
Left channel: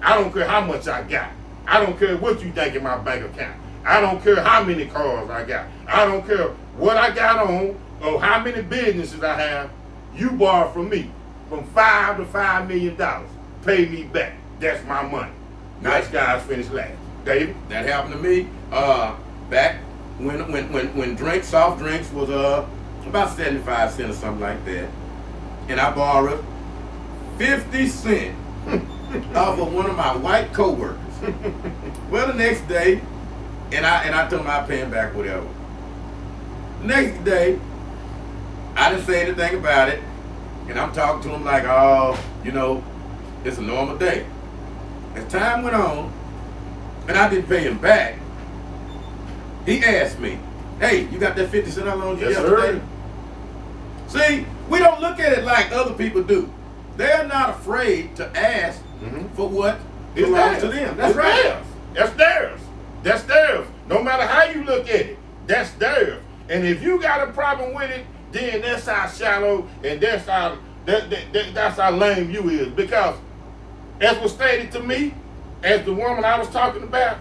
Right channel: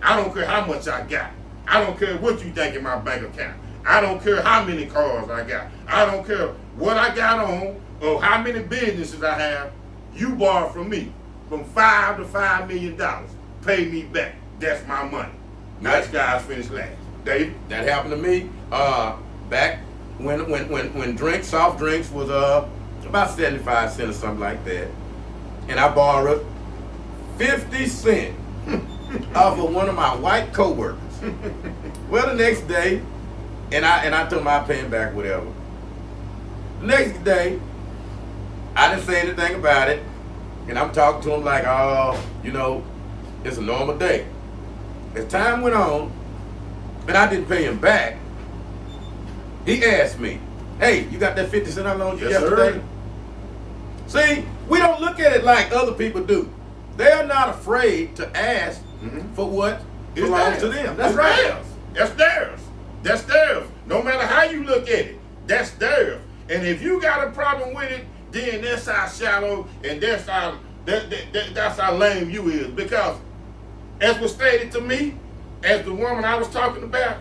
I don't care how much I got. I don't care what you think in my bank account. I don't care how many cars I got. I don't care what I got on or how many businesses I have. You borrow from me from $5 to $5 million. Pay me back. That's my money. Nice guys finish last. David? That happened to me back when soft drinks was about 75 cents or something like that. And I borrowed 50 cents off of one of my white coworkers. Well, the next day, and I told him I'd pay him back whatever. The next day, I didn't say anything about it. And I'm talking to him like, oh, you know, it's a normal day. As time went on, and I didn't pay him back, he asked me, hey, you got that 50 cent I loaned you yesterday? Sir. See, we don't look at it like other people do. They're not afraid to ask for what belongs to them. That's right. That's theirs. No matter how you look at it, that's theirs. And if you got a problem with it, then that's how shallow and that's how lame you is. Because as was stated to me, as the woman I was talking about,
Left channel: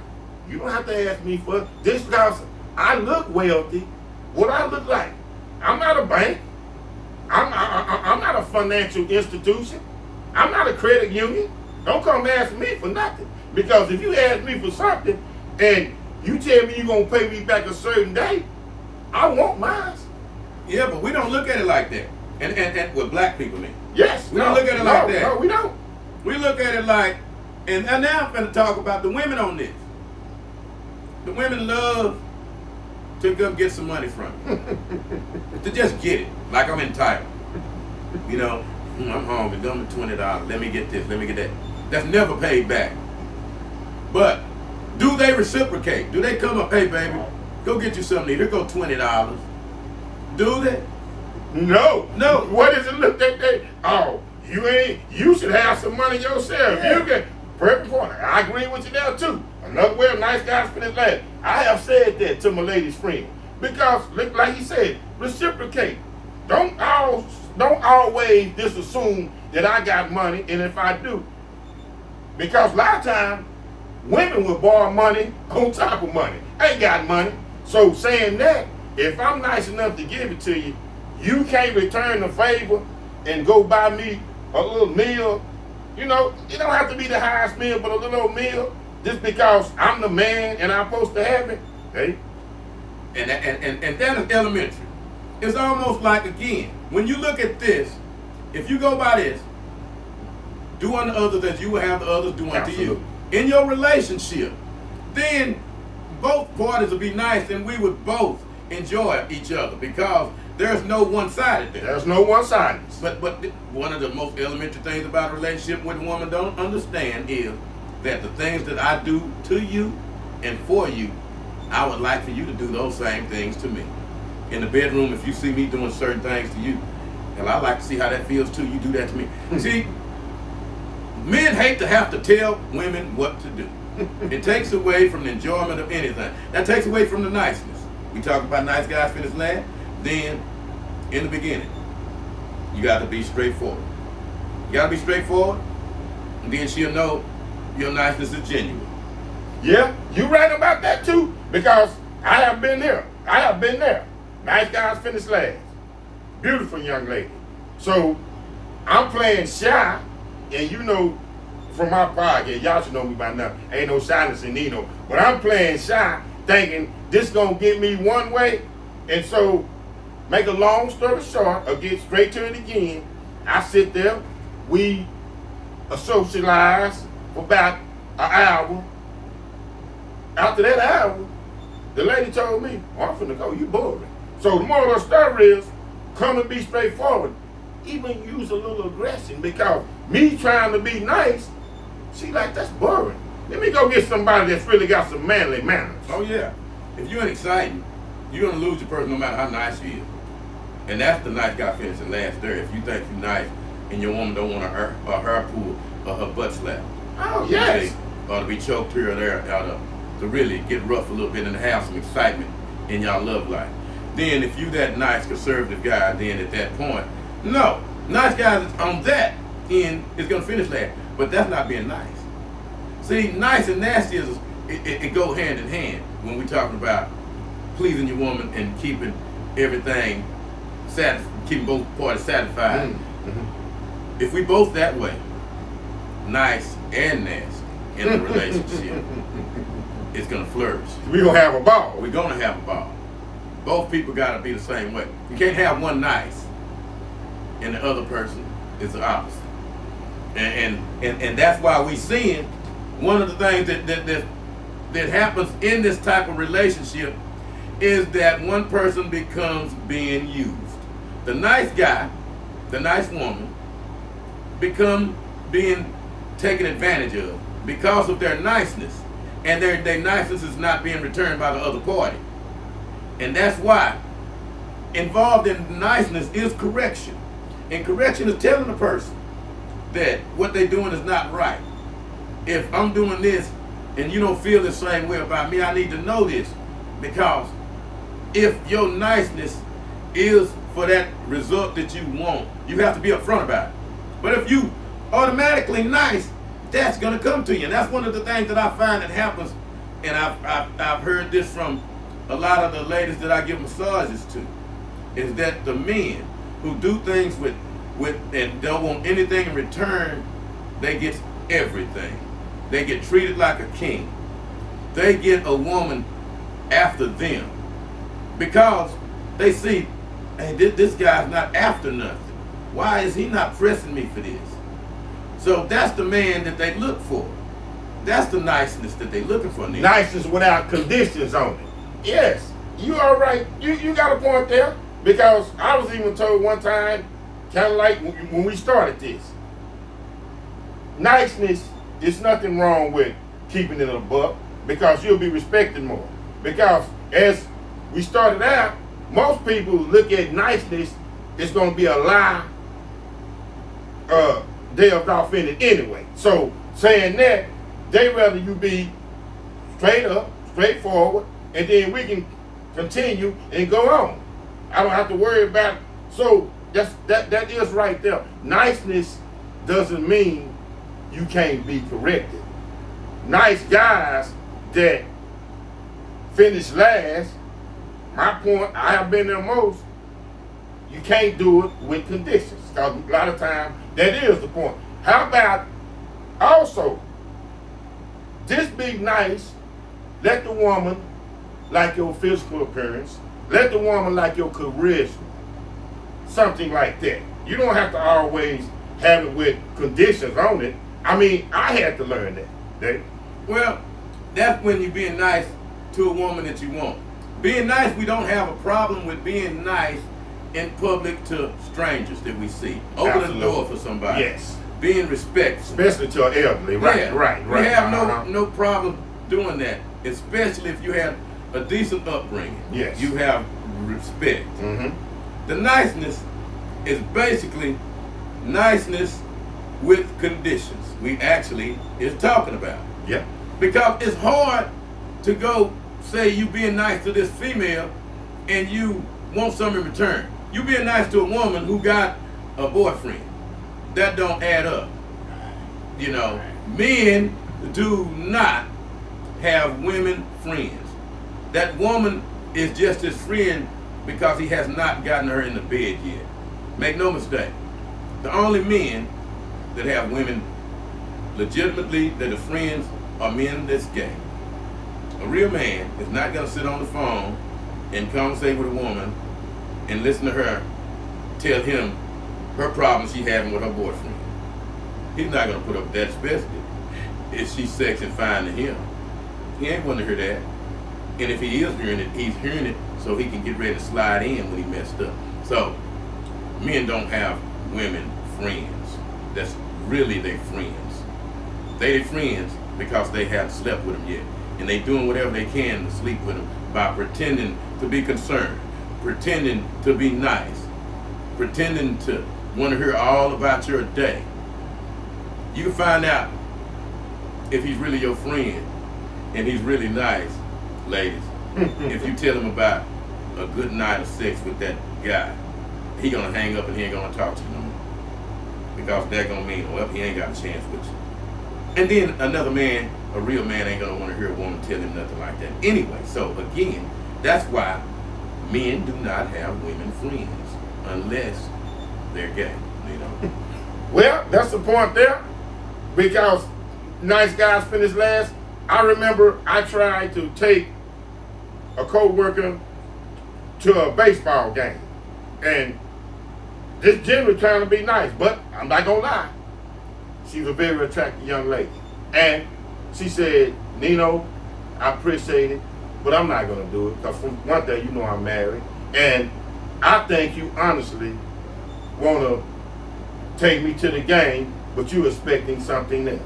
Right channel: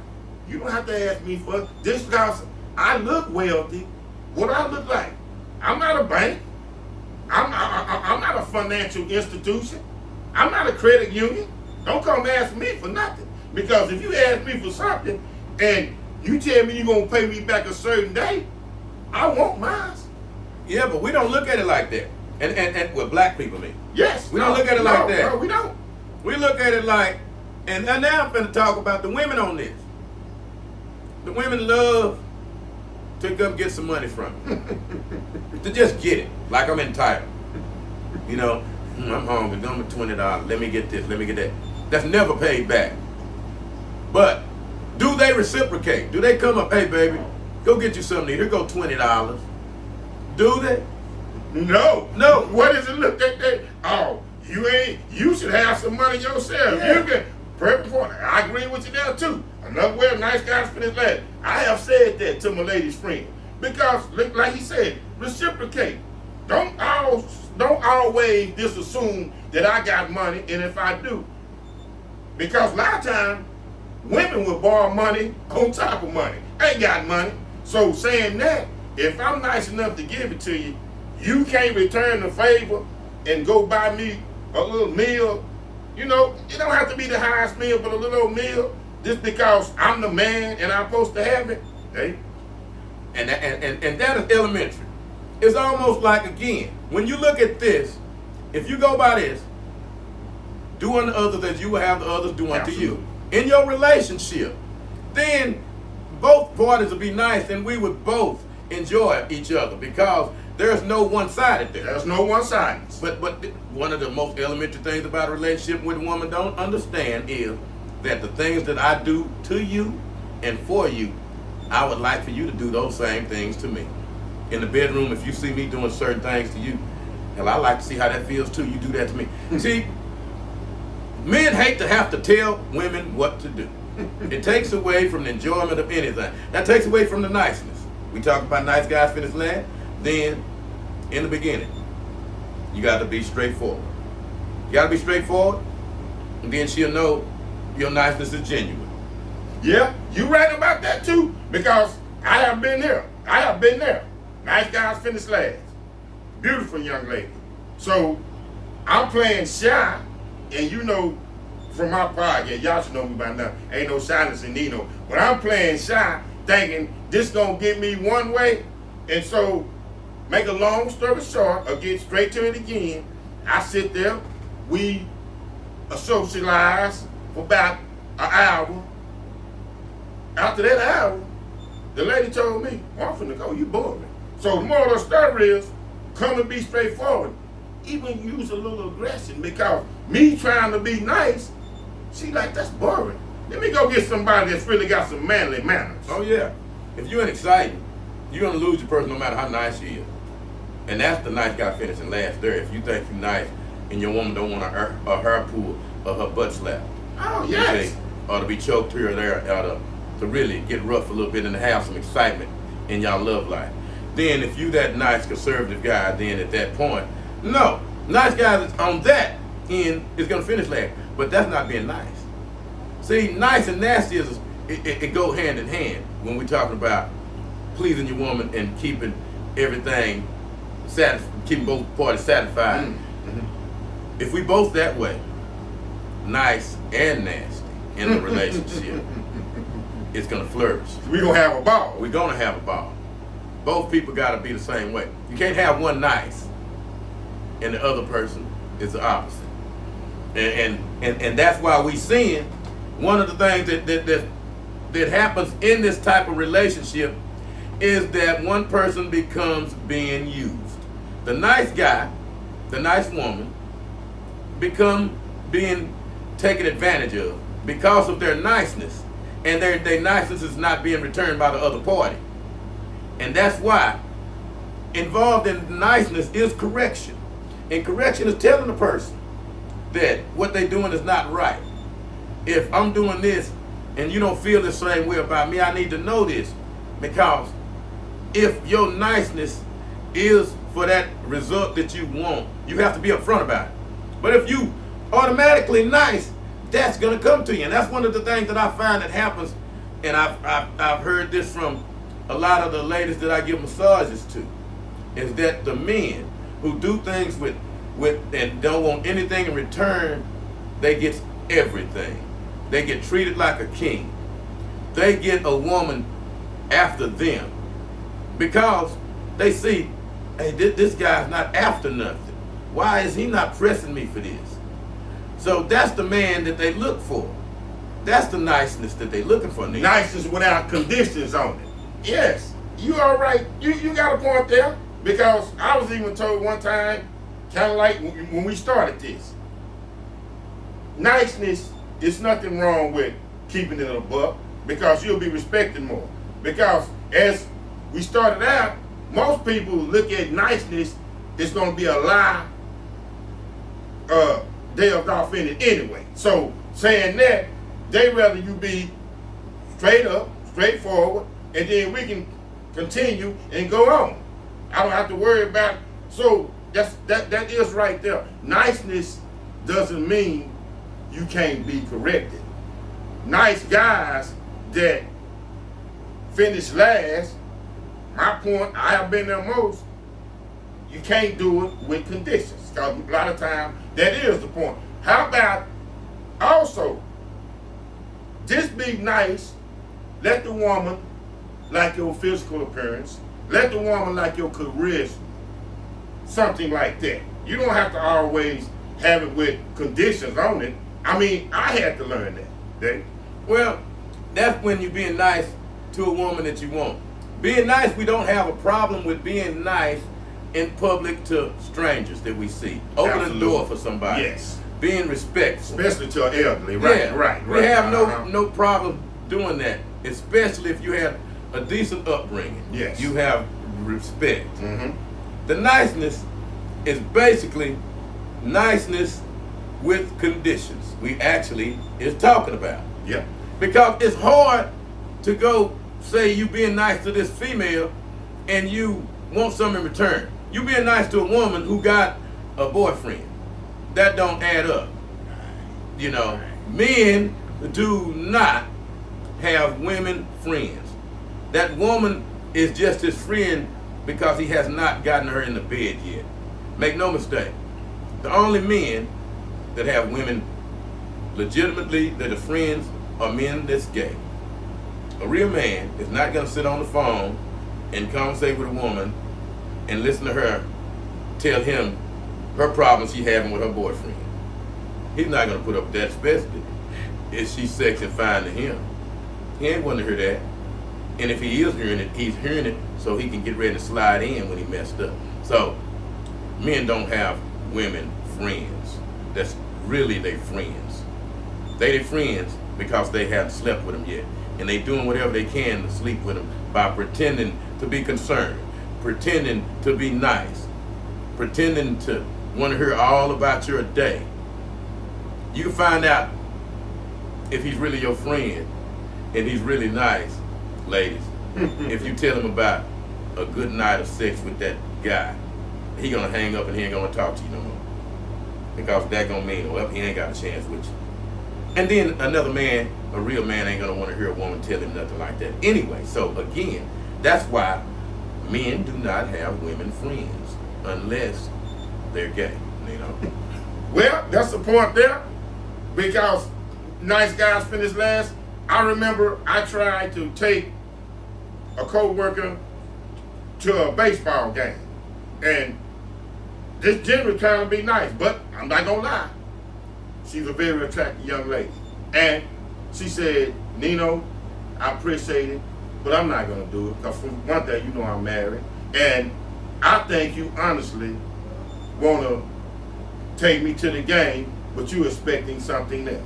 you don't have to ask me for this because I look wealthy. What I look like? I'm not a bank. I'm not a financial institution. I'm not a credit union. Don't come ask me for nothing. Because if you ask me for something and you tell me you're going to pay me back a certain day, I want mine. Yeah, but we don't look at it like that. And with black people in. Yes. We don't look at it like that. No, we don't. We look at it like, and now I'm going to talk about the women on this. The women love to come get some money from you. To just get it, like I'm entitled. You know, I'm hungry, give me $20, let me get this, let me get that. That's never paid back. But do they reciprocate? Do they come up, hey baby, go get you something, here go $20. Do they? No. No. What is it look at that? Oh, you should have some money yourself. Yeah. You can, perfect point. I agree with you there too. Another way of nice guys finish last. I have said that to my lady's friend. Because, like he said, reciprocate. Don't always just assume that I got money, and if I do. Because a lot of times, women will borrow money on top of money. Ain't got money. So saying that, if I'm nice enough to give it to you, you can't return the favor and go buy me a little meal. You know, it don't have to be the highest meal, but a little old meal, just because I'm the man and I'm supposed to have it. Hey. And that is elementary. It's almost like, again, when you look at this, if you go by this, do unto others as you will have the others do unto you. In your relationship, then both parties will be nice and we would both enjoy each other because there's no one-sided there. There's no one-sidedness. But one of the most elementary things about a relationship with a woman don't understand is that the things that I do to you and for you, I would like for you to do those same things to me. In the bedroom, if you see me doing certain things to you, hell, I like to see how that feels too. You do that to me. See, men hate to have to tell women what to do. It takes away from the enjoyment of anything. That takes away from the niceness. We talk about nice guys finish last. Then, in the beginning, you got to be straightforward. You got to be straightforward, and then she'll know your niceness is genuine. Yeah, you right about that too, because I have been there. I have been there. Nice guys finish last. Beautiful young lady. So I'm playing shy, and you know, from my podcast, y'all should know me by now. Ain't no shyness in Nino. But I'm playing shy, thinking this gonna get me one way. And so, make a long story short, or get straight to it again, I sit there, we socialize for about an hour. After that hour, the lady told me, oh, I'm finna go, you boring. So the moral of the story is, come and be straightforward. Even use a little aggression, because me trying to be nice, she like, that's boring. Let me go get somebody that's really got some manly manners. Oh yeah. If you're exciting, you're gonna lose your person no matter how nice she is. And that's the nice guy finishing last there. If you think you're nice and your woman don't want a hair pull or her butt slap. Oh yes. Or to be choked here or there, to really get rough a little bit and have some excitement in y'all love life. Then if you that nice conservative guy, then at that point, no. Nice guys on that end is gonna finish last. But that's not being nice. See, nice and nasty it go hand in hand when we're talking about pleasing your woman and keeping everything keeping both parties satisfied. Mm-hmm. If we both that way, nice and nasty in the relationship, it's gonna flourish. We gonna have a ball. We're gonna have a ball. Both people gotta be the same way. You can't have one nice and the other person is the opposite. And that's why we seeing one of the things that happens in this type of relationship is that one person becomes being used. The nice guy, the nice woman, become being taken advantage of because of their niceness. And their niceness is not being returned by the other party. And that's why involved in niceness is correction. And correction is telling the person that what they're doing is not right. If I'm doing this and you don't feel the same way about me, I need to know this. Because if your niceness is for that result that you want, you have to be upfront about it. But if you automatically nice, that's going to come to you. And that's one of the things that I find that happens, and I've heard this from a lot of the ladies that I give massages to, is that the men who do things with and don't want anything in return, they get everything. They get treated like a king. They get a woman after them because they see, hey, this guy's not after nothing. Why is he not pressing me for this? So that's the man that they look for. That's the niceness that they're looking for. Niceness without conditions on it. Yes, you all right. You got a point there, because I was even told one time, kind of like when we started this, niceness is nothing wrong with keeping it a buck, because you'll be respected more. Because as we started out, most people look at niceness, it's going to be a lie they are offended anyway. So saying that, they rather you be straight up, straightforward, and then we can continue and go on. I don't have to worry about. So that is right there. Niceness doesn't mean you can't be corrected. Nice guys that finish last, my point, I have been there most, you can't do it with conditions. Because a lot of times, that is the point. How about also, just be nice, let the woman like your physical appearance, let the woman like your charisma, something like that. You don't have to always have it with conditions on it. I mean, I had to learn that, Dave. Well, that's when you're being nice to a woman that you want. Being nice, we don't have a problem with being nice in public to strangers that we see. Open the door for somebody. Yes. Being respectful. Especially to an elderly. Right, yeah. right. We have no problem doing that, especially if you have a decent upbringing. Yes. You have respect. Mm-hmm. The niceness is basically niceness with conditions. We actually is talking about. Yeah. Because it's hard to go say you being nice to this female and you want something in return. You being nice to a woman who got a boyfriend. That don't add up. You know, men do not have women friends. That woman is just his friend because he has not gotten her in the bed yet. Make no mistake. The only men that have women legitimately that are friends are men that's gay. A real man is not going to sit on the phone and conversate with a woman and listen to her tell him her problems she having with her boyfriend. He's not going to put up with that, especially if she's sexy and fine to him. He ain't going to hear that. And if he is hearing it, he's hearing it so he can get ready to slide in when he messed up. So men don't have women friends. That's really their friends. They their friends because they haven't slept with them yet. And they doing whatever they can to sleep with them by pretending to be concerned, pretending to be nice, pretending to want to hear all about your day. You find out if he's really your friend and he's really nice, ladies, if you tell him about a good night of sex with that guy, he gonna hang up and he ain't gonna talk to you no more. Because that gonna mean, well, he ain't got a chance with you. And then another man, a real man, ain't gonna want to hear a woman tell him nothing like that. Anyway, so again, that's why men do not have women friends unless they're gay, you know. Well, that's the point there. Because nice guys finish last. I remember I tried to take a co-worker to a baseball game. And this generally trying to be nice, but I'm not gonna lie. She's a very attractive young lady. And she said, Nino, I appreciate it, but I'm not gonna do it. Because for one thing, you know I'm married. And I think you honestly wanna take me to the game, but you're expecting something else.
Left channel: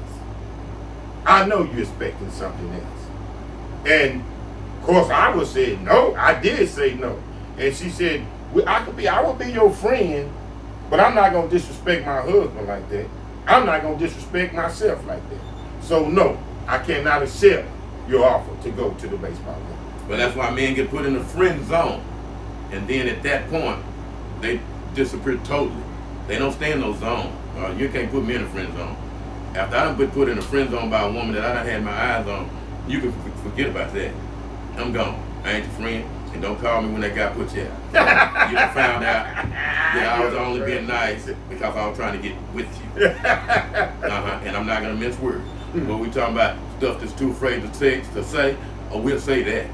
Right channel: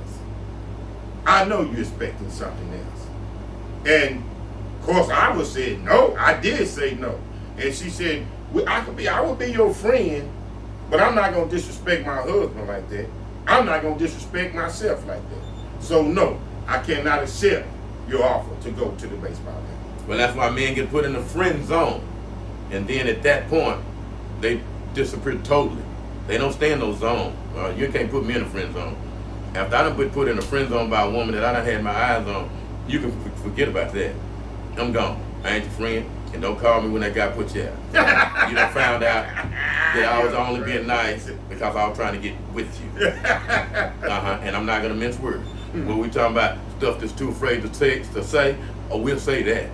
I know you're expecting something else. And of course I would say no. I did say no. And she said, I will be your friend, but I'm not gonna disrespect my husband like that. I'm not gonna disrespect myself like that. So no, I cannot accept your offer to go to the baseball game. Well, that's why men get put in the friend zone. And then at that point, they disappear totally. They don't stay in those zones. You can't put me in a friend zone. After I done been put in a friend zone by a woman that I done had my eyes on, you can forget about that. I'm gone. I ain't your friend. And don't call me when that guy puts you out. You done found out that I was only being nice because I was trying to get with you. And I'm not going to mince words. When we talking about stuff that's too afraid to say, or we'll say that.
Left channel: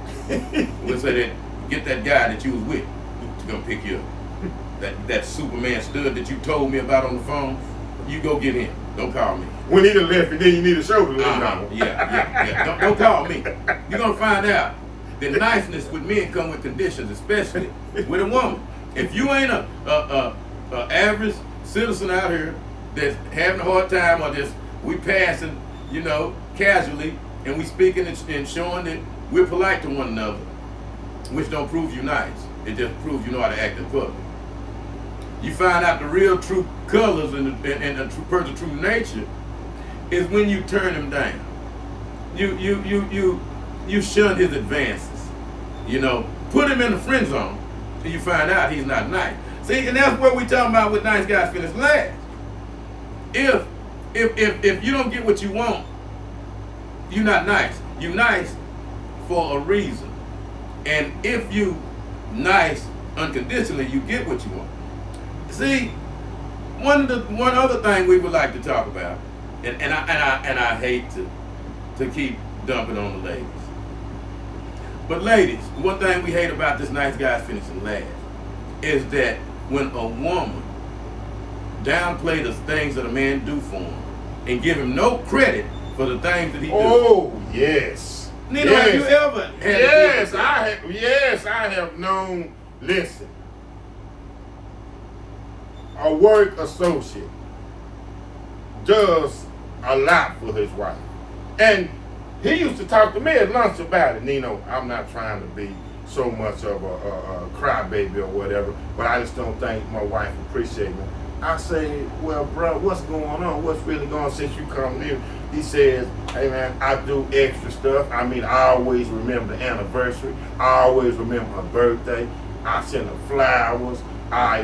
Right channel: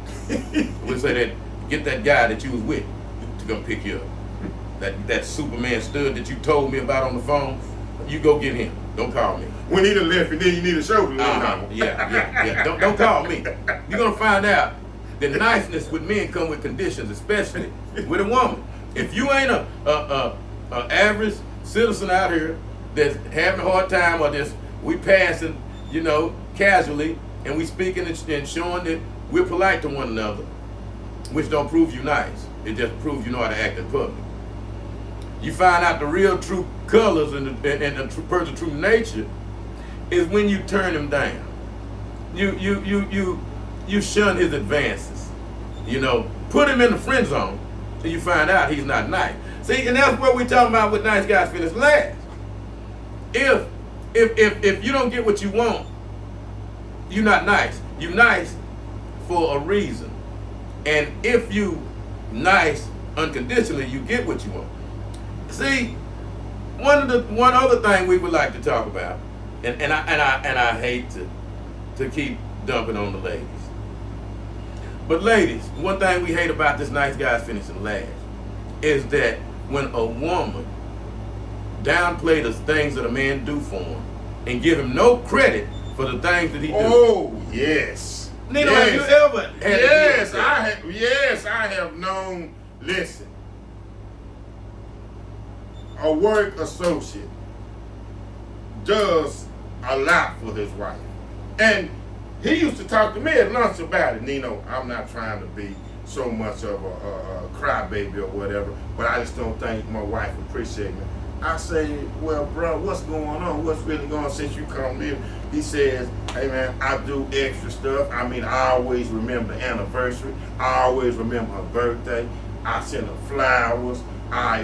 We'll say that, get that guy that you was with to come pick you up. That Superman stud that you told me about on the phone, you go get him. Don't call me. When he done left and then you need a shoulder. Yeah. Don't call me. You're going to find out that niceness with men come with conditions, especially with a woman. If you ain't a average citizen out here that's having a hard time or just we passing, you know, casually, and we speaking and showing that we're polite to one another, which don't prove you nice. It just proves you know how to act in public. You find out the real true colors and the true person's true nature is when you turn them down. You shun his advances. You know, put him in the friend zone till you find out he's not nice. See, and that's where we talking about with nice guys finish last. If you don't get what you want, you're not nice. You're nice for a reason. And if you nice unconditionally, you get what you want. See, one other thing we would like to talk about, and I hate to keep dumping on the ladies. But ladies, one thing we hate about this nice guy finishing last is that when a woman downplay the things that a man do for him and give him no credit for the things that he do. Oh, yes. Nina, have you ever had I have known, listen, a work associate does a lot for his wife. And he used to talk to me at lunch about it. Nino, I'm not trying to be so much of a crybaby or whatever, but I just don't think my wife appreciates me. I say, well, bro, what's going on? What's really going on since you come in? He says, hey, man, I do extra stuff. I mean, I always remember the anniversary. I always remember her birthday. I send her flowers. I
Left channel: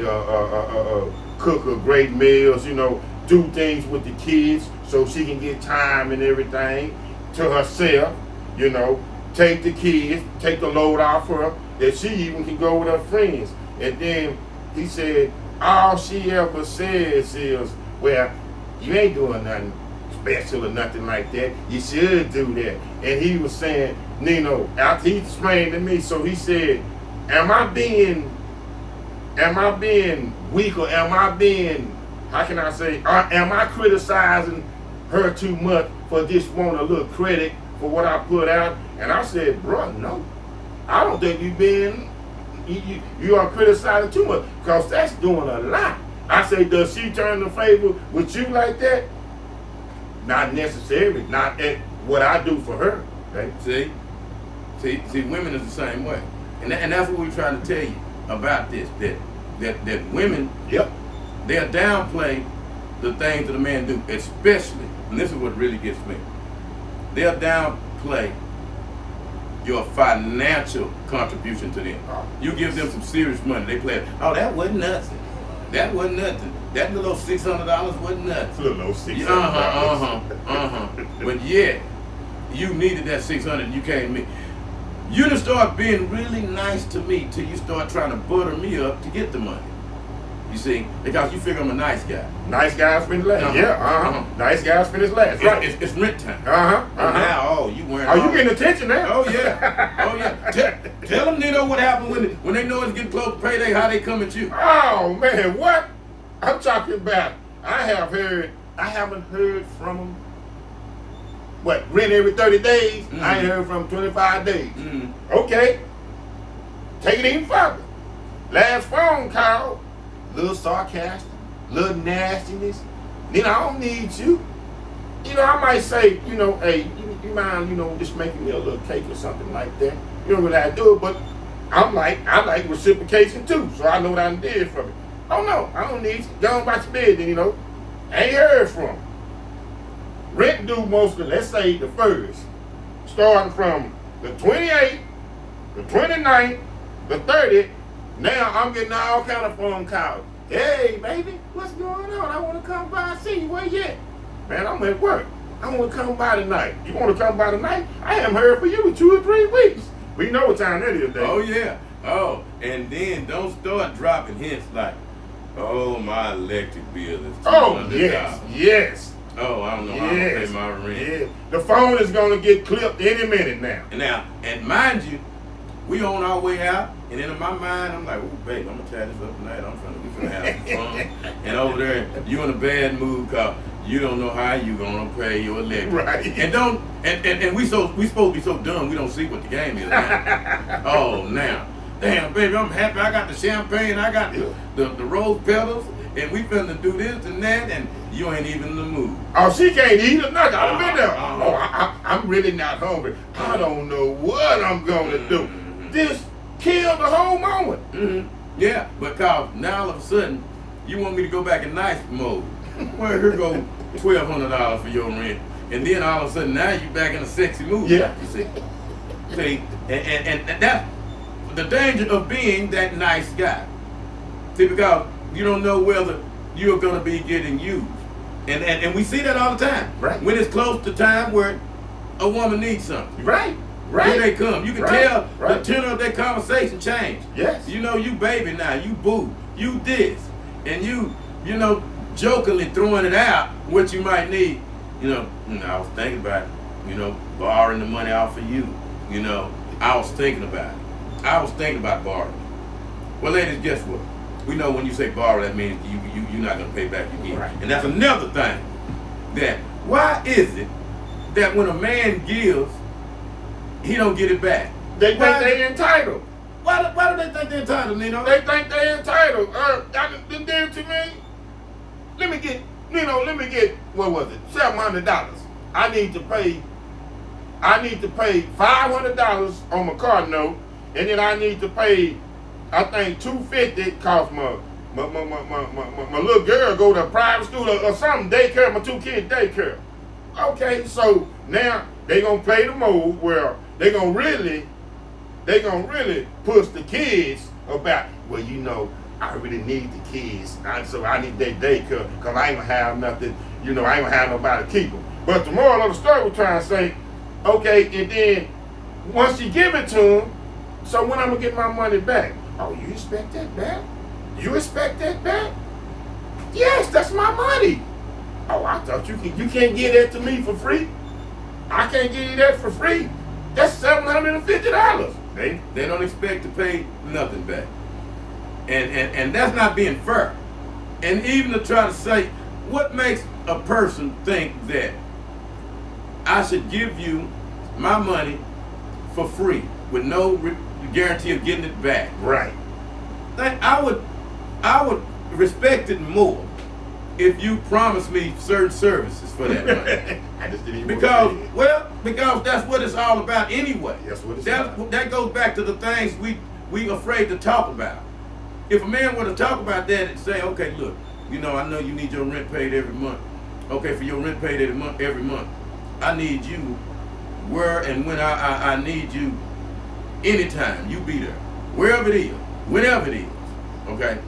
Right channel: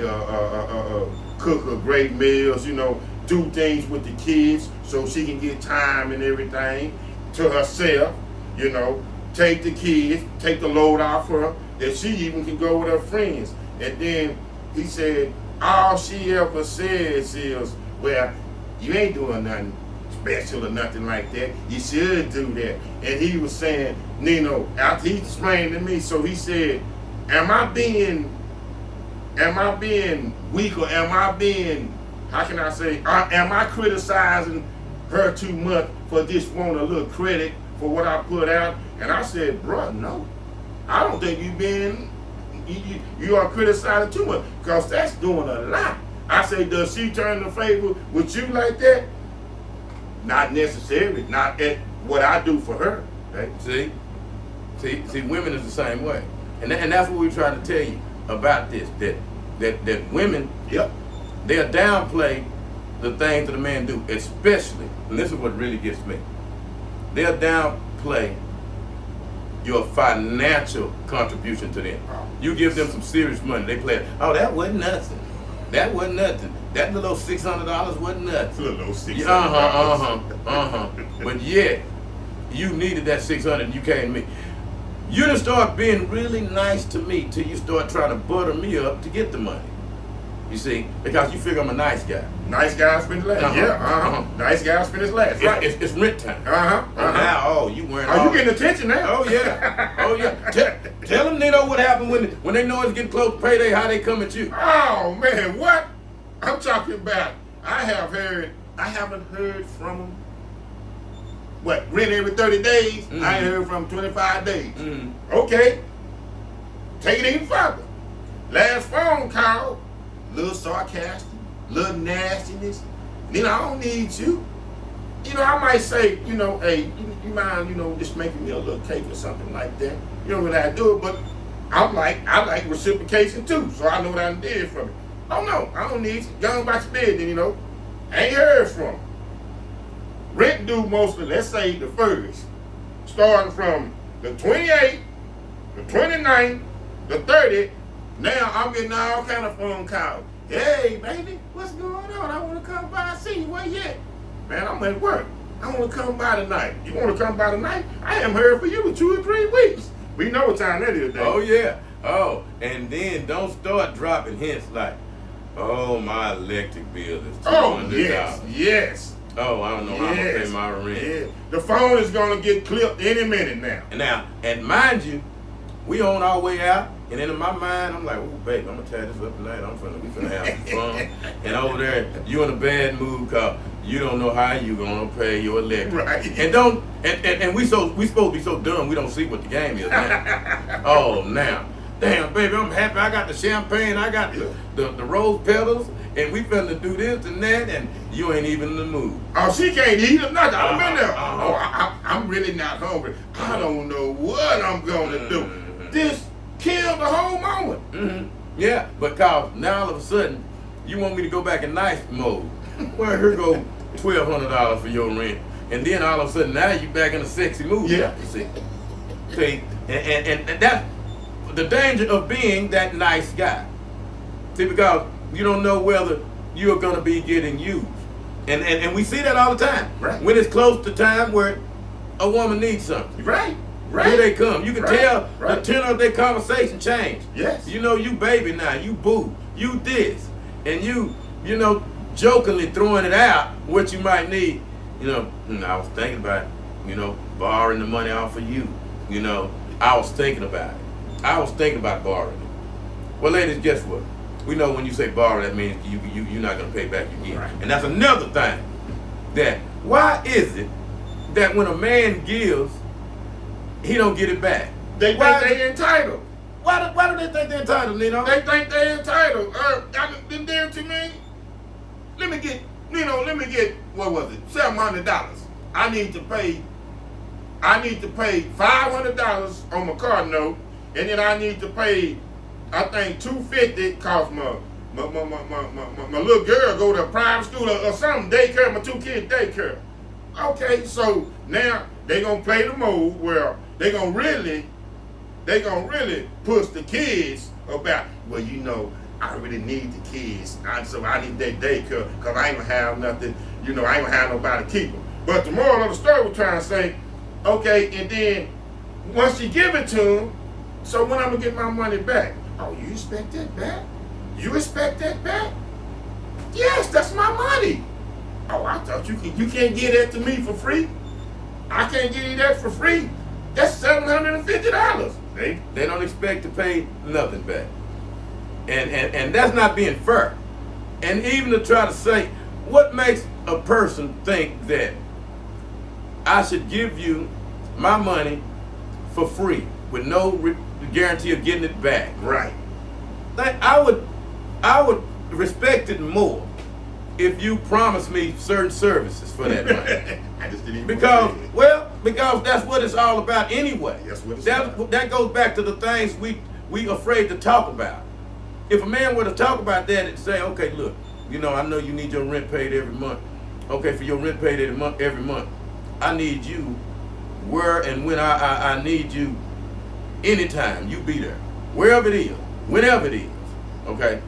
cook her great meals, do things with the kids so she can get time and everything to herself, take the kids, take the load off her, that she even can go with her friends. And then he said, all she ever says is, well, you ain't doing nothing special or nothing like that. You should do that. And he was saying, Nino, after he explained to me, so he said, am I being weak, or am I being, am I criticizing her too much for just wanting a little credit for what I put out? And I said, bro, no. I don't think you are criticizing too much, because that's doing a lot. I say, does she turn the favor with you like that? Not necessarily. Not at what I do for her. Right? See, women is the same way, and that's what we're trying to tell you about this. That women, yep, they'll downplay the things that a man do, especially. And this is what really gets me. They'll downplay your financial contribution to them. You give them some serious money, they play it. Oh, that wasn't nothing. That wasn't nothing. That little $600 wasn't nothing. It's a little $600. But yeah, you needed that $600. You came to me. You didn't start being really nice to me till you start trying to butter me up to get the money. You see, because you figure I'm a nice guy. Nice guys finish last. Nice guys finish last. Right. It's rent time. Now, you wearing? Are you getting attention now? Oh yeah. Tell them they know what happened when they know it's getting close to payday. How they come at you? Oh man, what? I'm talking about. I haven't heard from them. What? Rent every 30 days. Mm-hmm. I ain't heard from them 25 days. Mm-hmm. Okay. Take it even further. Last phone call. Little sarcastic, little nastiness. Then I don't need you. I might say, hey, you mind, just making me a little cake or something like that. You don't really have to do it, but I like reciprocation too, so I know what I did from it. Oh no, I don't need you. Go on about your bed, then, I ain't heard from him. Rent due mostly, let's say the first, starting from the 28th, the 29th, the 30th. Now I'm getting all kind of phone calls. Hey, baby, what's going on? I want to come by and see you. Where you at? Man, I'm at work. I want to come by tonight. You want to come by tonight? I haven't heard from you in 2 or 3 weeks. We know what time that is, Dave. Oh, yeah. Oh, and then don't start dropping hints like, oh, my electric bill is $200. Oh, yes. Oh, I don't know how to pay my rent. Yeah. The phone is going to get clipped any minute now. And mind you, we on our way out. And then in my mind, I'm like, ooh, babe, I'm going to tie this up tonight. We finna have some fun. And over there, you in a bad mood because you don't know how you going to pay your electric. Right. And we supposed to be so dumb we don't see what the game is. Oh, now. Damn, baby, I'm happy. I got the champagne. I got the rose petals. And we finna do this and that. And you ain't even in the mood. Oh, she can't eat or nothing. I've been there. I'm really not hungry. I don't know what I'm going to do. This kill the whole moment. Mm-hmm. Yeah, but Kyle, now all of a sudden, you want me to go back in nice mode. Well, here go $1,200 for your rent. And then all of a sudden, now you back in a sexy mood. Yeah. You see, and that's the danger of being that nice guy. See, because you don't know whether you're going to be getting used. And we see that all the time. Right. When it's close to time where a woman needs something. Right. Here they come. You can tell the tenor of their conversation change. Yes. You baby now, you boo, you this. And you jokingly throwing it out what you might need. I was thinking about, borrowing the money off of you. I was thinking about it. I was thinking about borrowing. Well, ladies, guess what? We know when you say borrow, that means you're not going to pay back again. Right. And that's another thing. That why is it that when a man gives, he don't get it back? They think they entitled. Why do they think they're entitled, Nino? They think they entitled. I been there to me. Let me get, what was it? $700. I need to pay $500 on my car note, and then I need to pay, I think $250 cause my little girl go to a private school or something, daycare, my 2 kids daycare. Okay, so now they gonna play the mode where they gonna really push the kids about, well, I really need the kids, so I need that daycare because I ain't gonna have nothing, I ain't gonna have nobody to keep them. But the moral of the story was trying to say, okay, and then once you give it to them, so when I'm gonna get my money back? Oh, you expect that back? You expect that back? Yes, that's my money. Oh, I thought you can't get that to me for free. I can't give you that for free. That's $750. They don't expect to pay nothing back. And that's not being fair. And even to try to say, what makes a person think that I should give you my money for free with no guarantee of getting it back? Right. I would respect it more if you promised me certain services for that money. I just didn't even because that's what it's all about anyway. That's what it's about. That goes back to the things we afraid to talk about. If a man were to talk about that and say, okay, look, I know you need your rent paid every month. Okay, for your rent paid every month, I need you where and when I need you anytime. You be there. Wherever it is, whenever it is. Okay?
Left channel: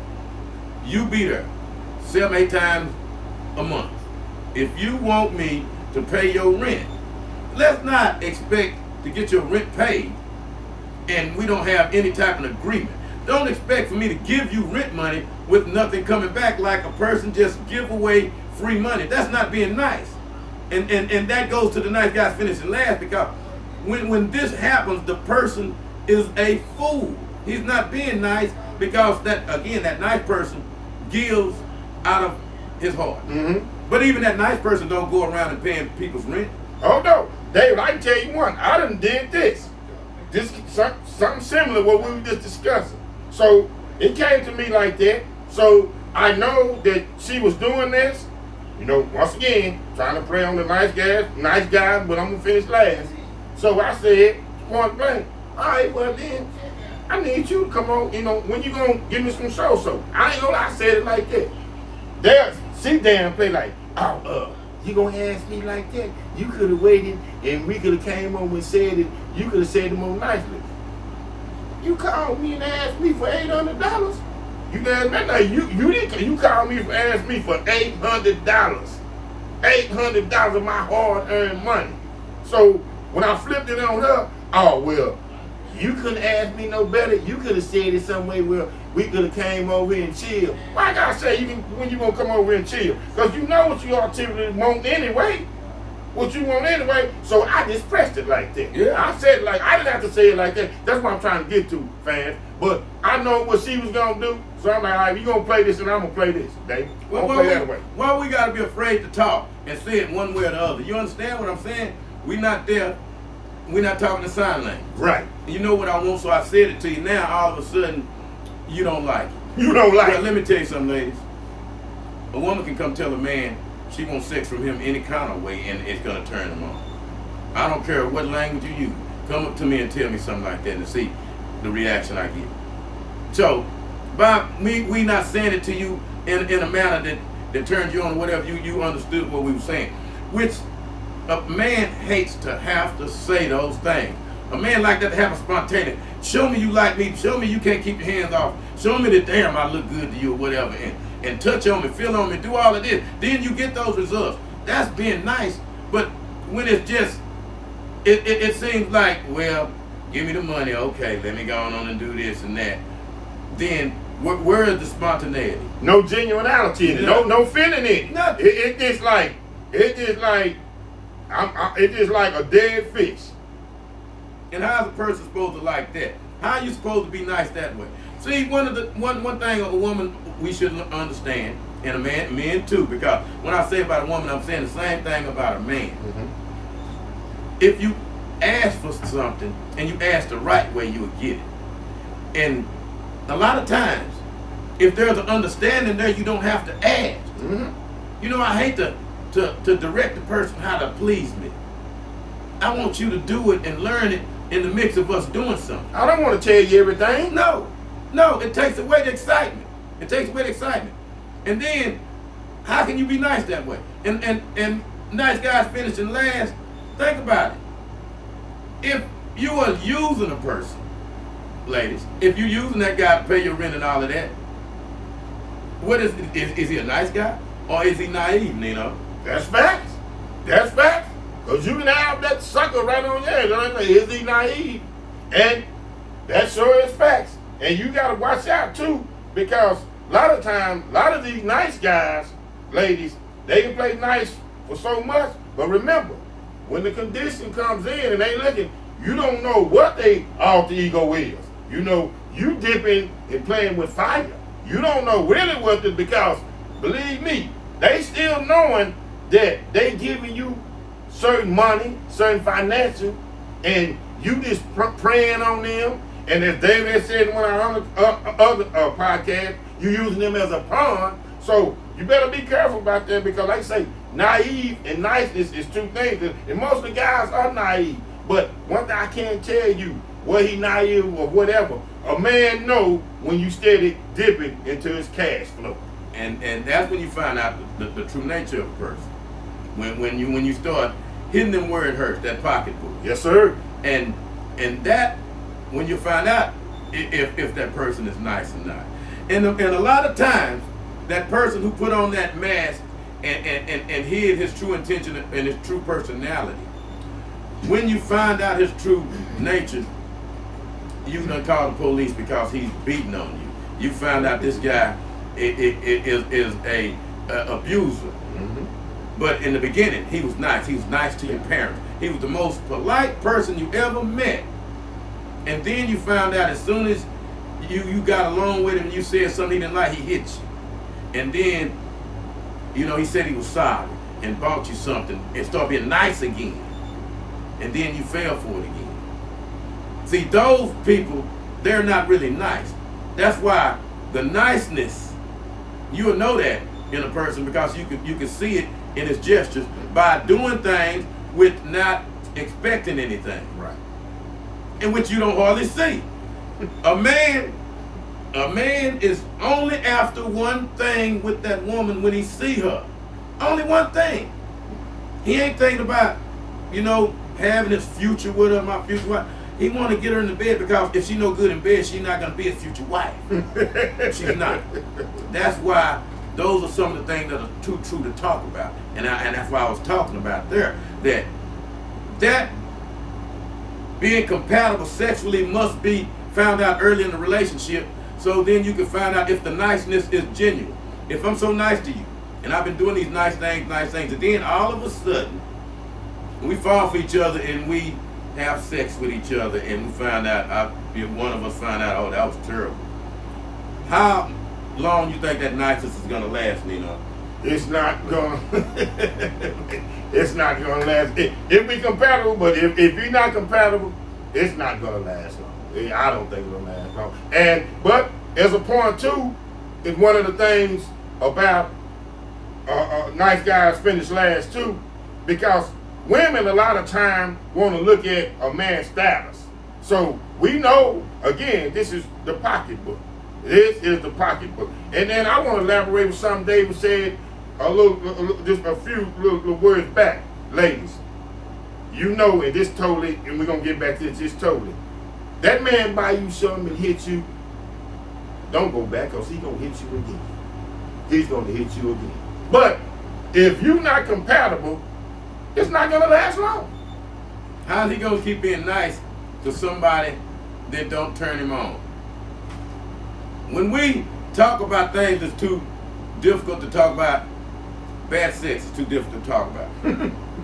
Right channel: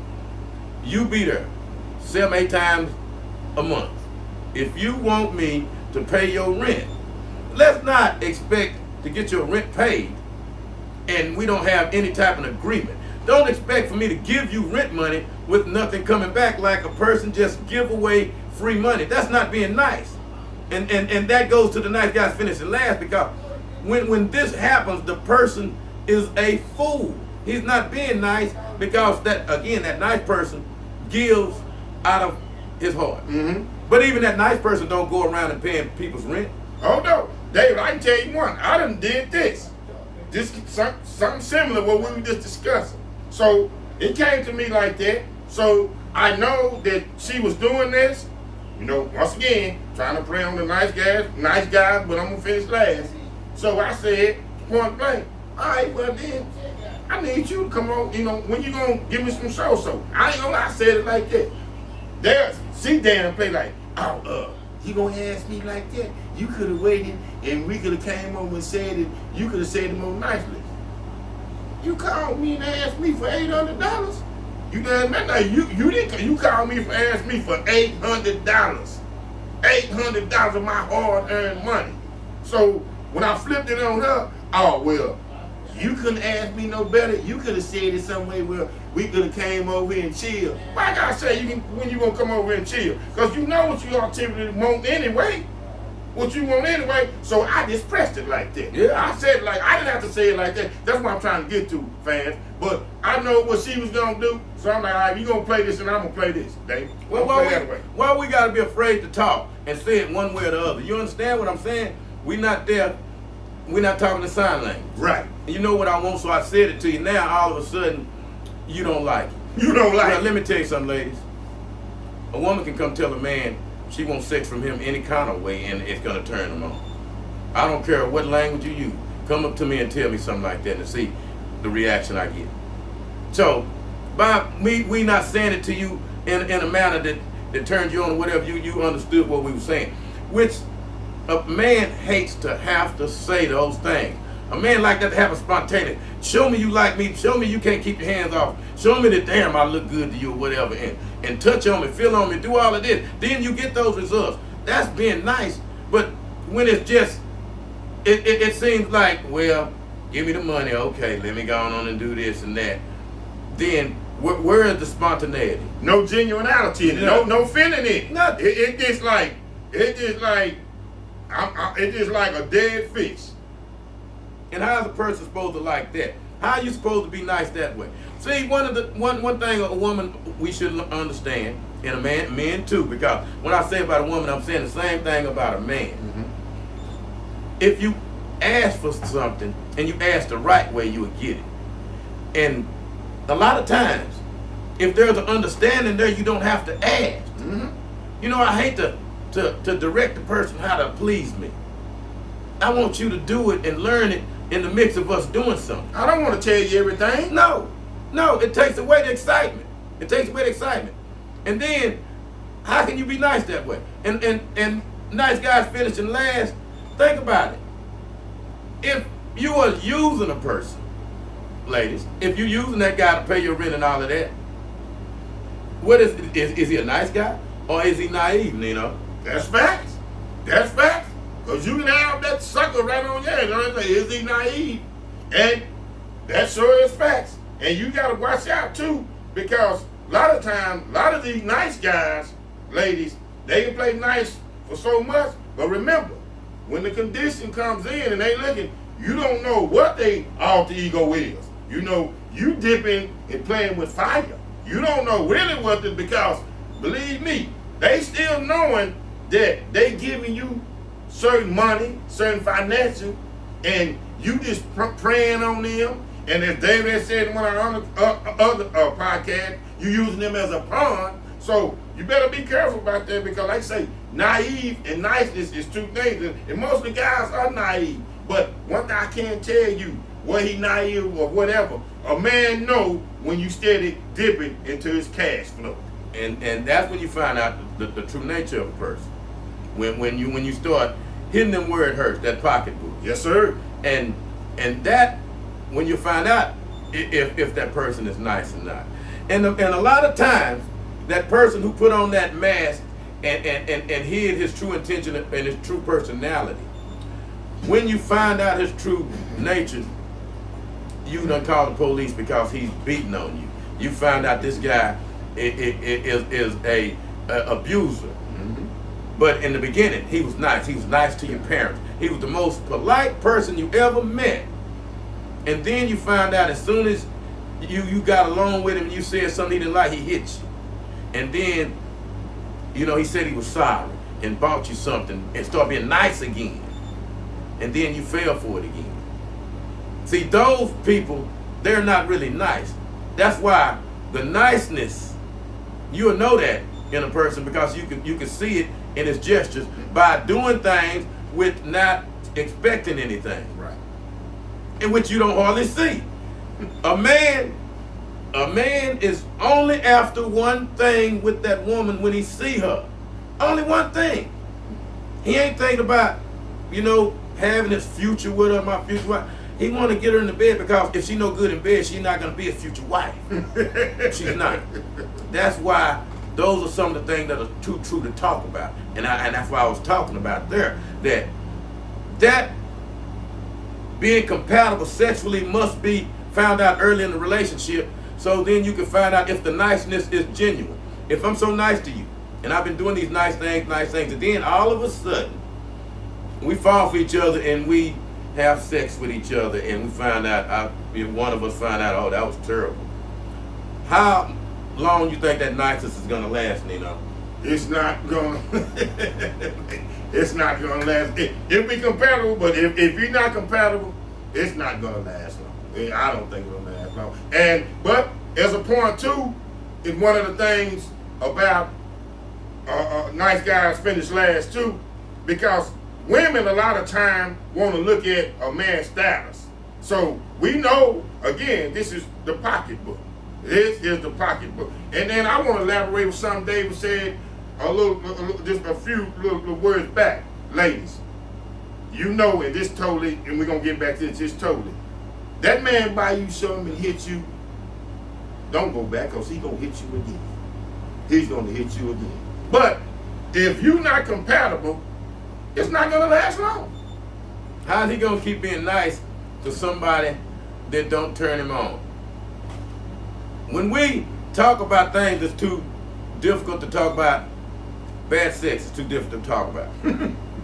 You be there 7-8 times a month. If you want me to pay your rent, let's not expect to get your rent paid and we don't have any type of agreement. Don't expect for me to give you rent money with nothing coming back, like a person just give away free money. That's not being nice. And that goes to the nice guys finishing last, because when this happens, the person is a fool. He's not being nice because that nice person gives out of his heart. Mm-hmm. But even that nice person don't go around and paying people's rent. Oh no, David, I can tell you one. I done did this. Something similar to what we were just discussing. So it came to me like that. So I know that she was doing this, once again, trying to play on the nice guy, but I'm gonna finish last. So I said, point blank, all right, well then, I need you to come on, when you gonna give me some so-so? I ain't gonna lie, I said it like that. She damn play like, you gonna ask me like that? You could have waited and we could have came over and said it, you could have said it more nicely. You called me and asked me for $800. You damn right, you called me for asked me for $800. $800 of my hard-earned money. So when I flipped it on her, oh well, you couldn't ask me no better. You could have said it some way where we could have came over here and chill. Why I gotta say when you gonna come over here and chill? Because you know what you all typically want anyway. What you want anyway. So I just pressed it like that. Yeah. I said it I didn't have to say it like that. That's what I'm trying to get to, fans. But I know what she was gonna do. So I'm like, all right, you gonna play this and I'm gonna play this, Dave. Why we gotta be afraid to talk and say it one way or the other? You understand what I'm saying? We're not there. We're not talking the sign language. Right. And you know what I want, so I said it to you. Now all of a sudden, you don't like it. You don't like it. Let me tell you something, ladies. A woman can come tell a man she wants sex from him any kind of way, and it's gonna turn him on. I don't care what language you use. Come up to me and tell me something like that and see the reaction I get. So, by we not saying it to you in a manner that turns you on, whatever, you understood what we were saying. Which a man hates to have to say those things. A man like that to have a spontaneity. Show me you like me. Show me you can't keep your hands off. Show me that damn I look good to you or whatever. And touch on me, feel on me, do all of this. Then you get those results. That's being nice. But when it's just, it seems like, well, give me the money. Okay, let me go on and do this and that. Then where is the spontaneity? No genuinity in it. No feeling in it. Nothing. It's just like a dead fish. And how's a person supposed to like that? How are you supposed to be nice that way? See, one thing a woman we should understand, and a men too, because when I say about a woman, I'm saying the same thing about a man. Mm-hmm. If you ask for something and you ask the right way, you will get it. And a lot of times, if there's an understanding there, you don't have to ask. Mm-hmm. I hate to direct the person how to please me. I want you to do it and learn it in the mix of us doing something. I don't want to tell you everything. No, it takes away the excitement. And then, how can you be nice that way? And nice guys finishing last, think about it. If you are using a person, ladies, if you're using that guy to pay your rent and all of that, what is he a nice guy or is he naive, Nino? That's facts. That's facts. Because you can have that sucker right on your head. Right? Is he naive? And that sure is facts. And you got to watch out too, because a lot of times, a lot of these nice guys, ladies, they can play nice for so much. But remember, when the condition comes in and they looking, you don't know what they alter ego is. You know, you dipping and playing with fire. You don't know really what the, because believe me, they still knowing that they giving you certain money, certain financial, and you just praying on them. And as David said in one of our other podcasts, you using them as a pawn. So you better be careful about that, because like I say, naive and niceness is two things. And most of the guys are naive. But one thing I can't tell you, whether he naive or whatever, a man know when you steady dipping into his cash flow. And that's when you find out the true nature of a person. When you start hitting them where it hurts, that pocketbook. Yes, sir. And that, when you find out if that person is nice or not. And a lot of times, that person who put on that mask and hid his true intention and his true personality, when you find out his true nature, you done call the police because he's beating on you. You find out this guy is a abuser. Mm-hmm. But in the beginning, he was nice. He was nice to your parents. He was the most polite person you ever met. And then you find out as soon as you got along with him, you said something he didn't like, he hit you. And then, he said he was sorry and bought you something and started being nice again. And then you fell for it again. See, those people, they're not really nice. That's why the niceness, you'll know that in a person, because you can see it in his gestures by doing things with not expecting anything. Right. In which you don't hardly see. A man is only after one thing with that woman when he see her. Only one thing. He ain't thinking about, having his future with her, my future wife. He want to get her in the bed, because if she no good in bed, she's not going to be his future wife. She's not. That's why those are some of the things that are too true to talk about. And that's why I was talking about there, that being compatible sexually must be found out early in the relationship, so then you can find out if the niceness is genuine. If I'm so nice to you, and I've been doing these nice things, and then all of a sudden, we fall for each other and we have sex with each other, and we find out, one of us find out, oh, that was terrible. How long you think that niceness is going to last, Nino? It's not going it's not going to last. It'll be compatible, but if you're not compatible, it's not going to last long. I don't think it'll last long. But as a point too, it's one of the things about nice guys finish last too, because women a lot of time want to look at a man's status. So we know, again, this is the pocketbook. This is the pocketbook. And then I want to elaborate with something David said just a few little words back. Ladies, and this totally, and we're going to get back to this, just totally. That man buy you something and hit you, don't go back, because he's going to hit you again. He's going to hit you again. But if you're not compatible, it's not going to last long. How's he going to keep being nice to somebody that don't turn him on? When we talk about things that's too difficult to talk about, bad sex is too difficult to talk about.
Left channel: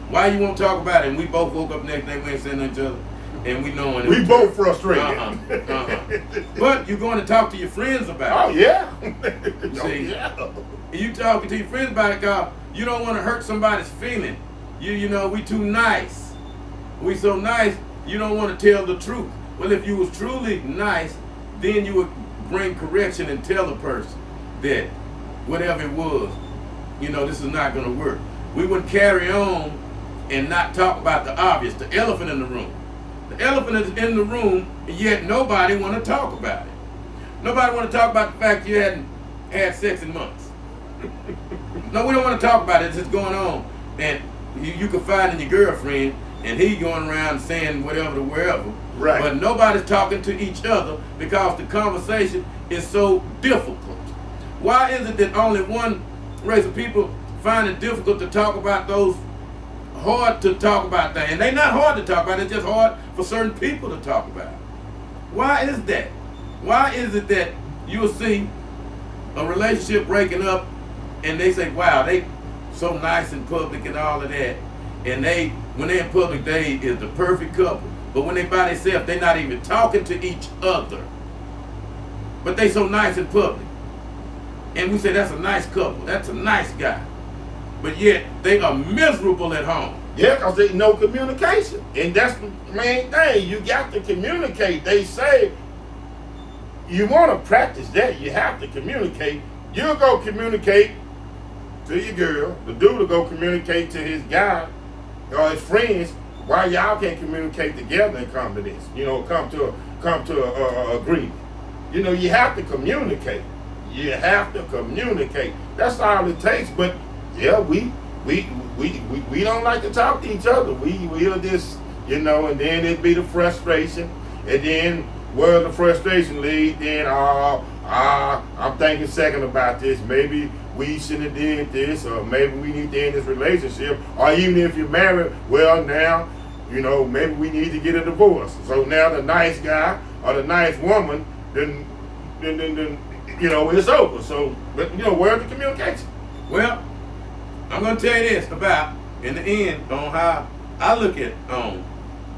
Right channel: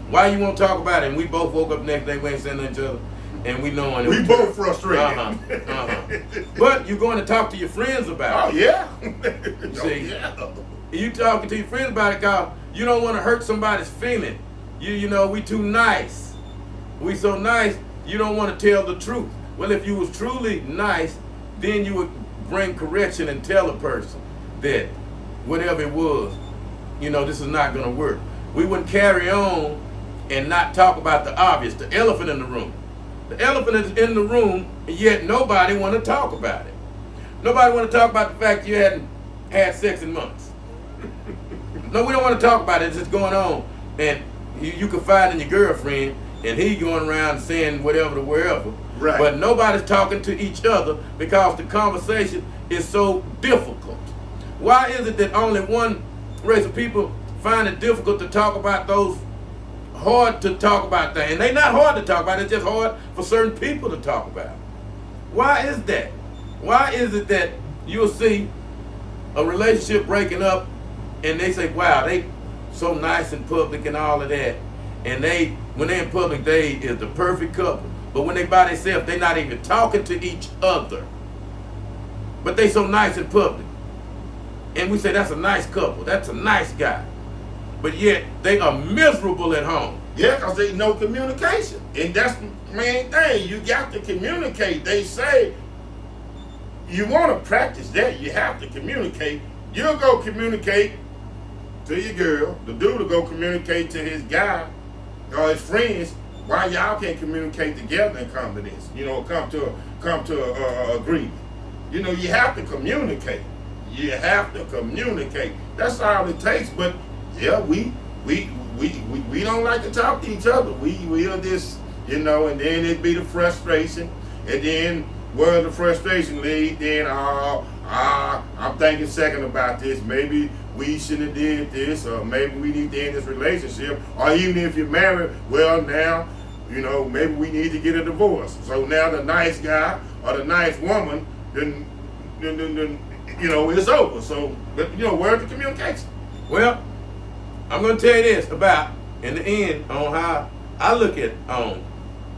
Why you won't talk about it? And we both woke up the next day, we ain't saying nothing to each other, and we knowing we both frustrated. But you're going to talk to your friends about it. Oh, yeah. See, yeah. You talking to your friends about it, because you don't want to hurt somebody's feeling. We too nice. We so nice, you don't want to tell the truth. Well, if you was truly nice, then you would bring correction and tell a person that whatever it was, this is not going to work. We wouldn't carry on and not talk about the obvious, the elephant in the room. The elephant is in the room, yet nobody want to talk about it. Nobody want to talk about the fact you hadn't had sex in months. No, we don't want to talk about it. It's just going on. And you confide in your girlfriend, and he going around saying whatever to wherever. Right. But nobody's talking to each other because the conversation is so difficult. Why is it that only one race of people find it difficult to talk about those hard to talk about things? And they're not hard to talk about, it's just hard for certain people to talk about. Why is that? Why is it that you'll see a relationship breaking up and they say, wow, they so nice in public and all of that. And when they're in public, they is the perfect couple. But when they by themselves, they're not even talking to each other. But they so nice in public. And we say that's a nice couple, that's a nice guy. But yet they are miserable at home. Yeah, because there's no communication. And that's the main thing. You got to communicate. They say you want to practice that. You have to communicate. You'll go communicate to your girl. The dude will go communicate to his guy or his friends. Why y'all can't communicate together and come to this? You know, come to a agreement. You know, you have to communicate. You have to communicate. That's all it takes. But yeah, we don't like to talk to each other. We'll just, you know, and then it'd be the frustration. And then where the frustration leads, then I'm thinking second about this. Maybe we shouldn't have did this, or maybe we need to end this relationship. Or even if you're married, well now, you know, maybe we need to get a divorce. So now the nice guy or the nice woman, then you know, it's over. So, but you know, where's the communication? Well, I'm going to tell you this about, in the end, on how I look at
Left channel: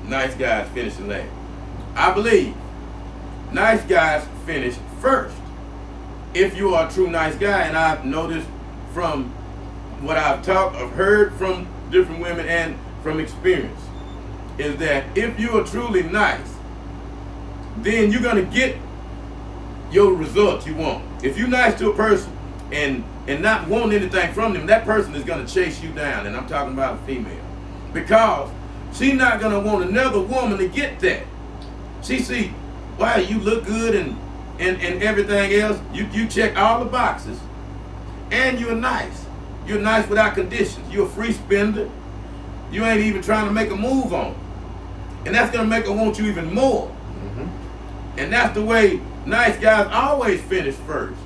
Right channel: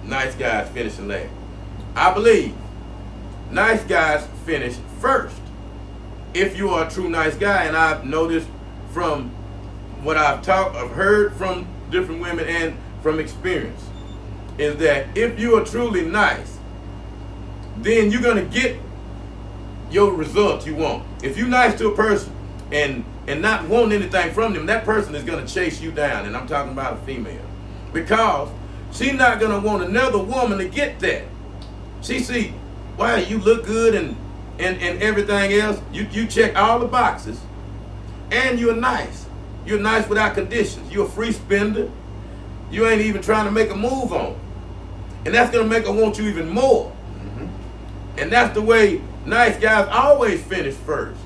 nice guys finishing last. I believe nice guys finish first. If you are a true nice guy, and I've noticed from what I've heard from different women and from experience, is that if you are truly nice, then you're going to get your results you want. If you're nice to a person and not wanting anything from them, that person is going to chase you down, and I'm talking about a female, because she's not going to want another woman to get that. She see, wow, you look good and everything else. You check all the boxes, and you're nice. You're nice without conditions. You're a free spender. You ain't even trying to make a move on it. And that's going to make her want you even more. Mm-hmm. And that's the way nice guys always finish first.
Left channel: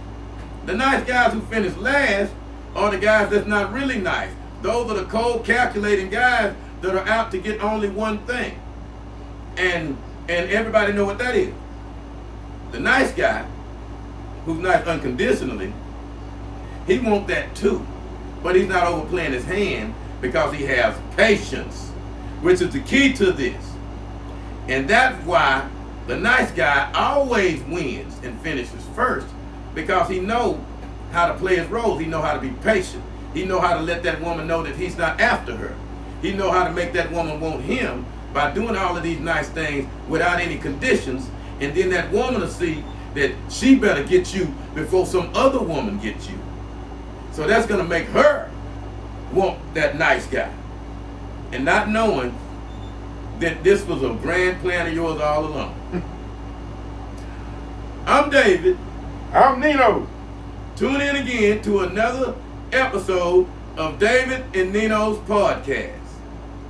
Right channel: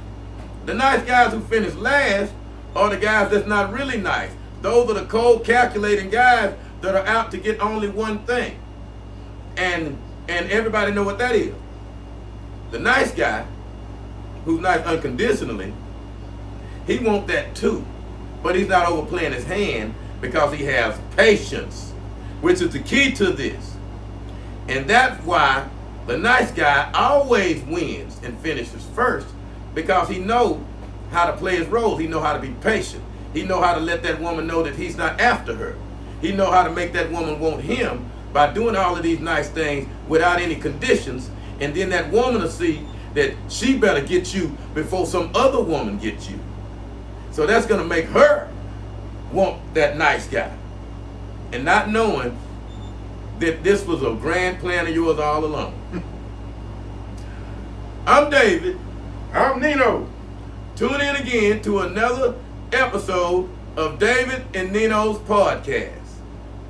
The nice guys who finish last are the guys that's not really nice. Those are the cold, calculating guys that are out to get only one thing. And everybody know what that is. The nice guy, who's nice unconditionally, he wants that too. But he's not overplaying his hand because he has patience, which is the key to this. And that's why the nice guy always wins and finishes first, because he knows how to play his role. He knows how to be patient. He knows how to let that woman know that he's not after her. He knows how to make that woman want him by doing all of these nice things without any conditions. And then that woman will see that she better get you before some other woman gets you. So that's going to make her want that nice guy. And not knowing that this was a grand plan of yours all along. I'm David. I'm Nino. Tune in again to another episode of David and Nino's podcast.